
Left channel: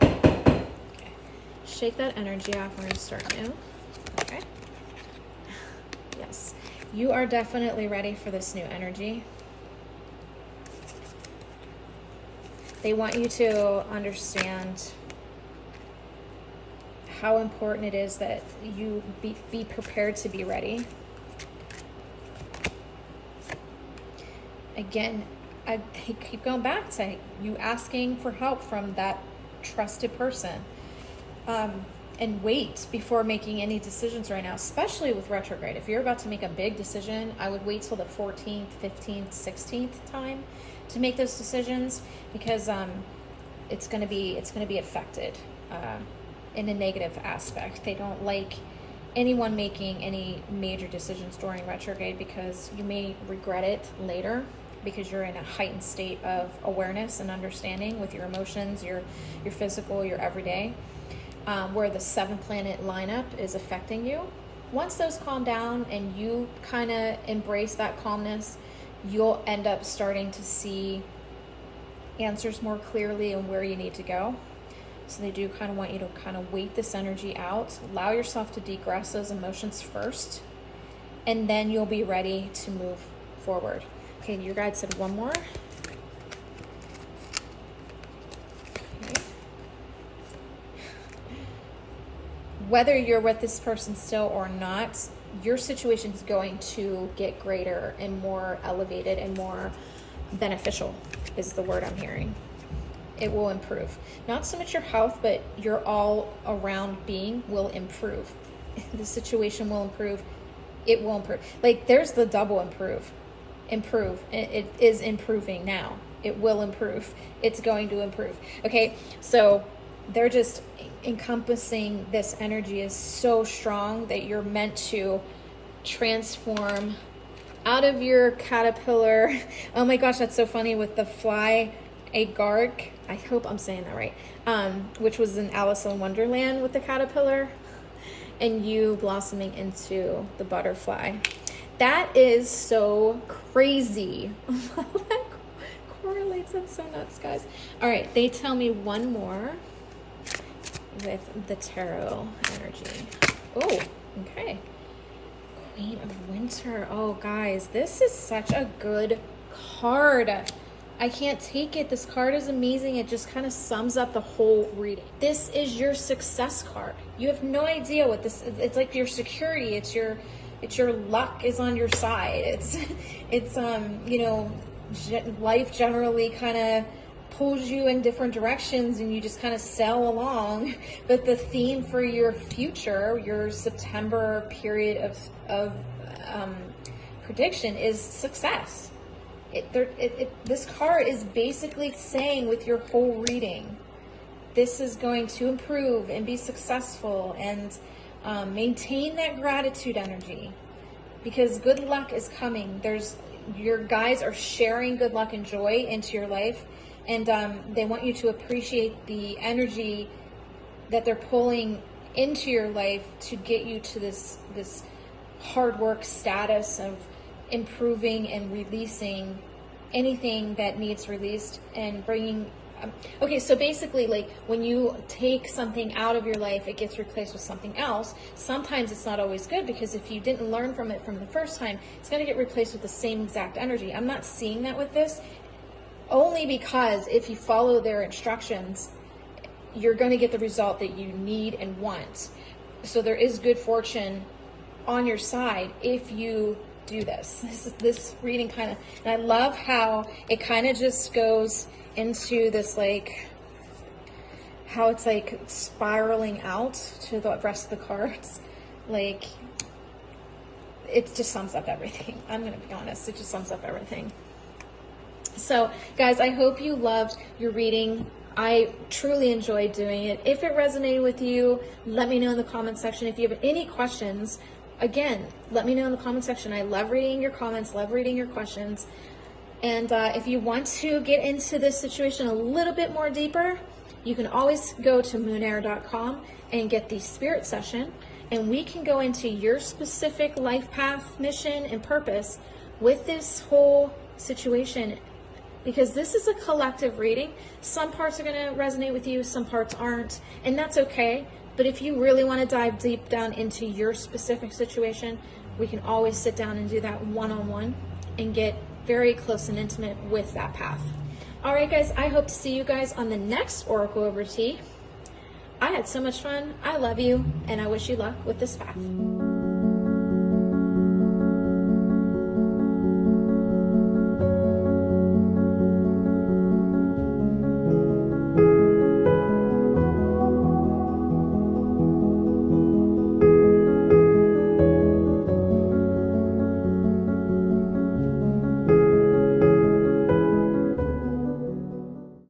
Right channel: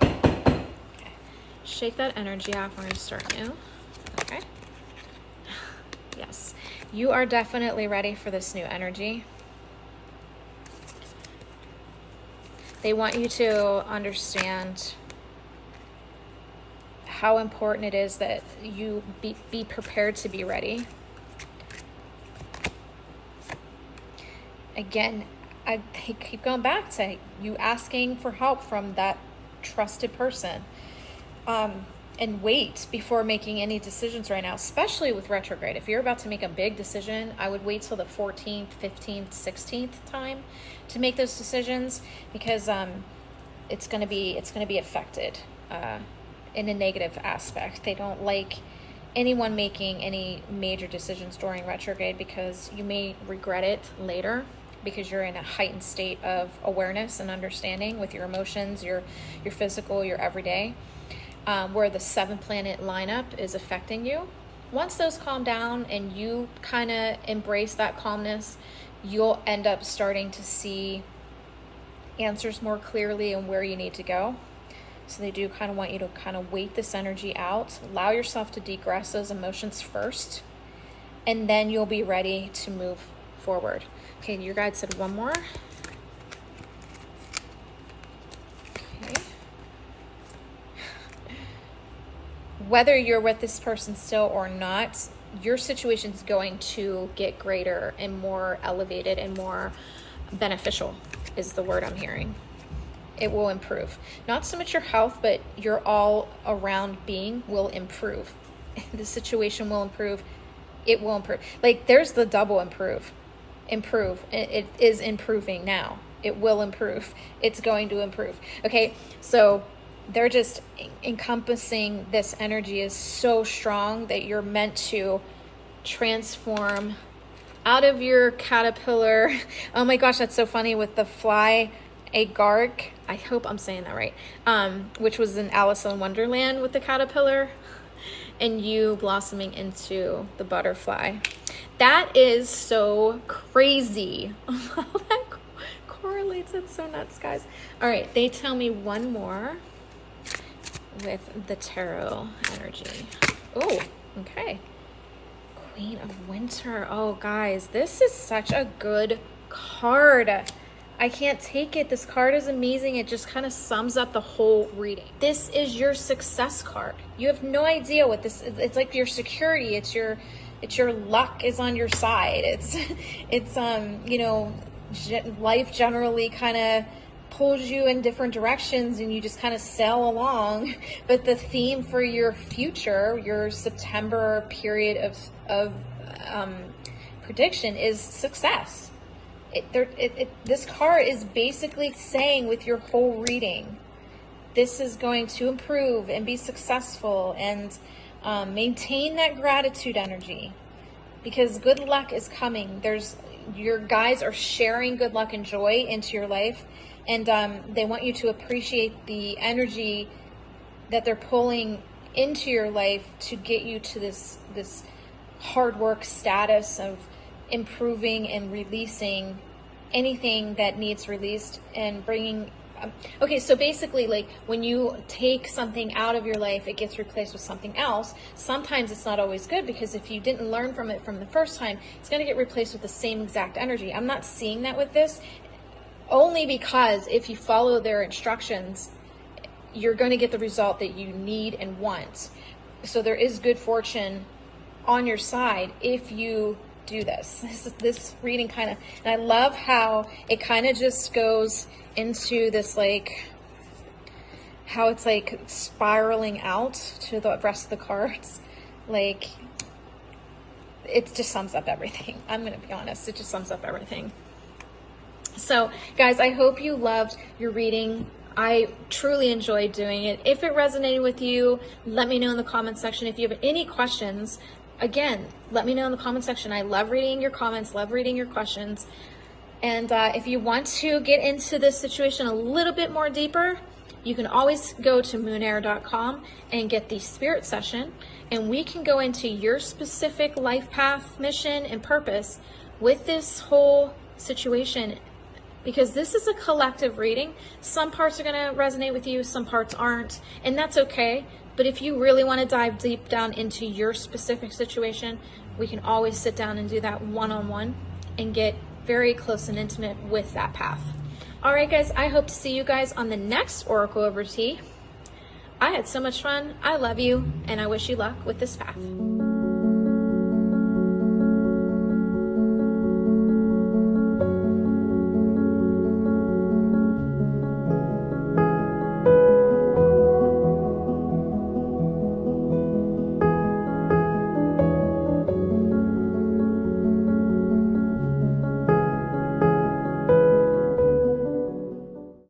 to shake that energy off. We're going to start new. Okay. Yes. You are definitely ready for this new energy. They want you to understand how important it is that you be prepared to be ready. Again, I keep going back to you asking for help from that trusted person. And wait before making any decisions right now, especially with retrograde. If you're about to make a big decision, I would wait till the 14th, 15th, 16th time to make those decisions, because it's going to be affected in a negative aspect. They don't like anyone making any major decisions during retrograde, because you may regret it later, because you're in a heightened state of awareness and understanding with your emotions, your physical, your everyday. Where the 7-planet lineup is affecting you. Once those calm down and you kind of embrace that calmness, you'll end up starting to see answers more clearly and where you need to go. So they do kind of want you to kind of wait this energy out, allow yourself to degress those emotions first, and then you'll be ready to move forward. Okay, your guide said one more. Whether you're with this person still or not, your situation is going to get greater and more elevated and more beneficial is the word I'm hearing. It will improve. Not so much your health, but your all around being will improve. The situation will improve. It will improve. Like, there's the double improve. It is improving now. It will improve. It's going to improve. Okay, so they're just encompassing this energy is so strong that you're meant to transform out of your caterpillar. Oh my gosh, that's so funny with the fly agark. I hope I'm saying that right. Which was in Alice in Wonderland with the caterpillar, and you blossoming into the butterfly. That is so crazy. That correlates. It's so nuts, guys. All right, they tell me one more with the tarot energy. Oh, okay. Queen of Winter. Oh, guys, this is such a good card. I can't take it. This card is amazing. It just kind of sums up the whole reading. This is your success card. You have no idea what this is. It's like your security. It's your luck is on your side. It's you know, life generally kind of pulls you in different directions and you just kind of sail along. But the theme for your future, your September period of prediction is success. This card is basically saying with your whole reading, this is going to improve and be successful, and maintain that gratitude energy, because good luck is coming. Your guides are sharing good luck and joy into your life, And they want you to appreciate the energy that they're pulling into your life to get you to this hard work status of improving and releasing anything that needs released and bringing. Okay, so basically, like when you take something out of your life, it gets replaced with something else. Sometimes it's not always good, because if you didn't learn from it from the first time, it's going to get replaced with the same exact energy. I'm not seeing that with this, only because if you follow their instructions, you're going to get the result that you need and want. So there is good fortune on your side if you do this. This reading kind of, and I love how it kind of just goes into this, like how it's like spiraling out to the rest of the cards. Like it just sums up everything. I'm gonna be honest, it just sums up everything. So guys, I hope you loved your reading. I truly enjoyed doing it. If it resonated with you, let me know in the comment section. If you have any questions, again, let me know in the comment section. I love reading your comments, love reading your questions. And if you want to get into this situation a little bit more deeper, you can always go to moonair.com and get the spirit session, and we can go into your specific life path, mission, and purpose with this whole situation, because this is a collective reading. Some parts are going to resonate with you, some parts aren't, and that's okay. But if you really want to dive deep down into your specific situation, we can always sit down and do that one-on-one and get very close and intimate with that path. All right, guys, I hope to see you guys on the next Oracle Over Tea. I had so much fun. I love you, and I wish you luck with this path.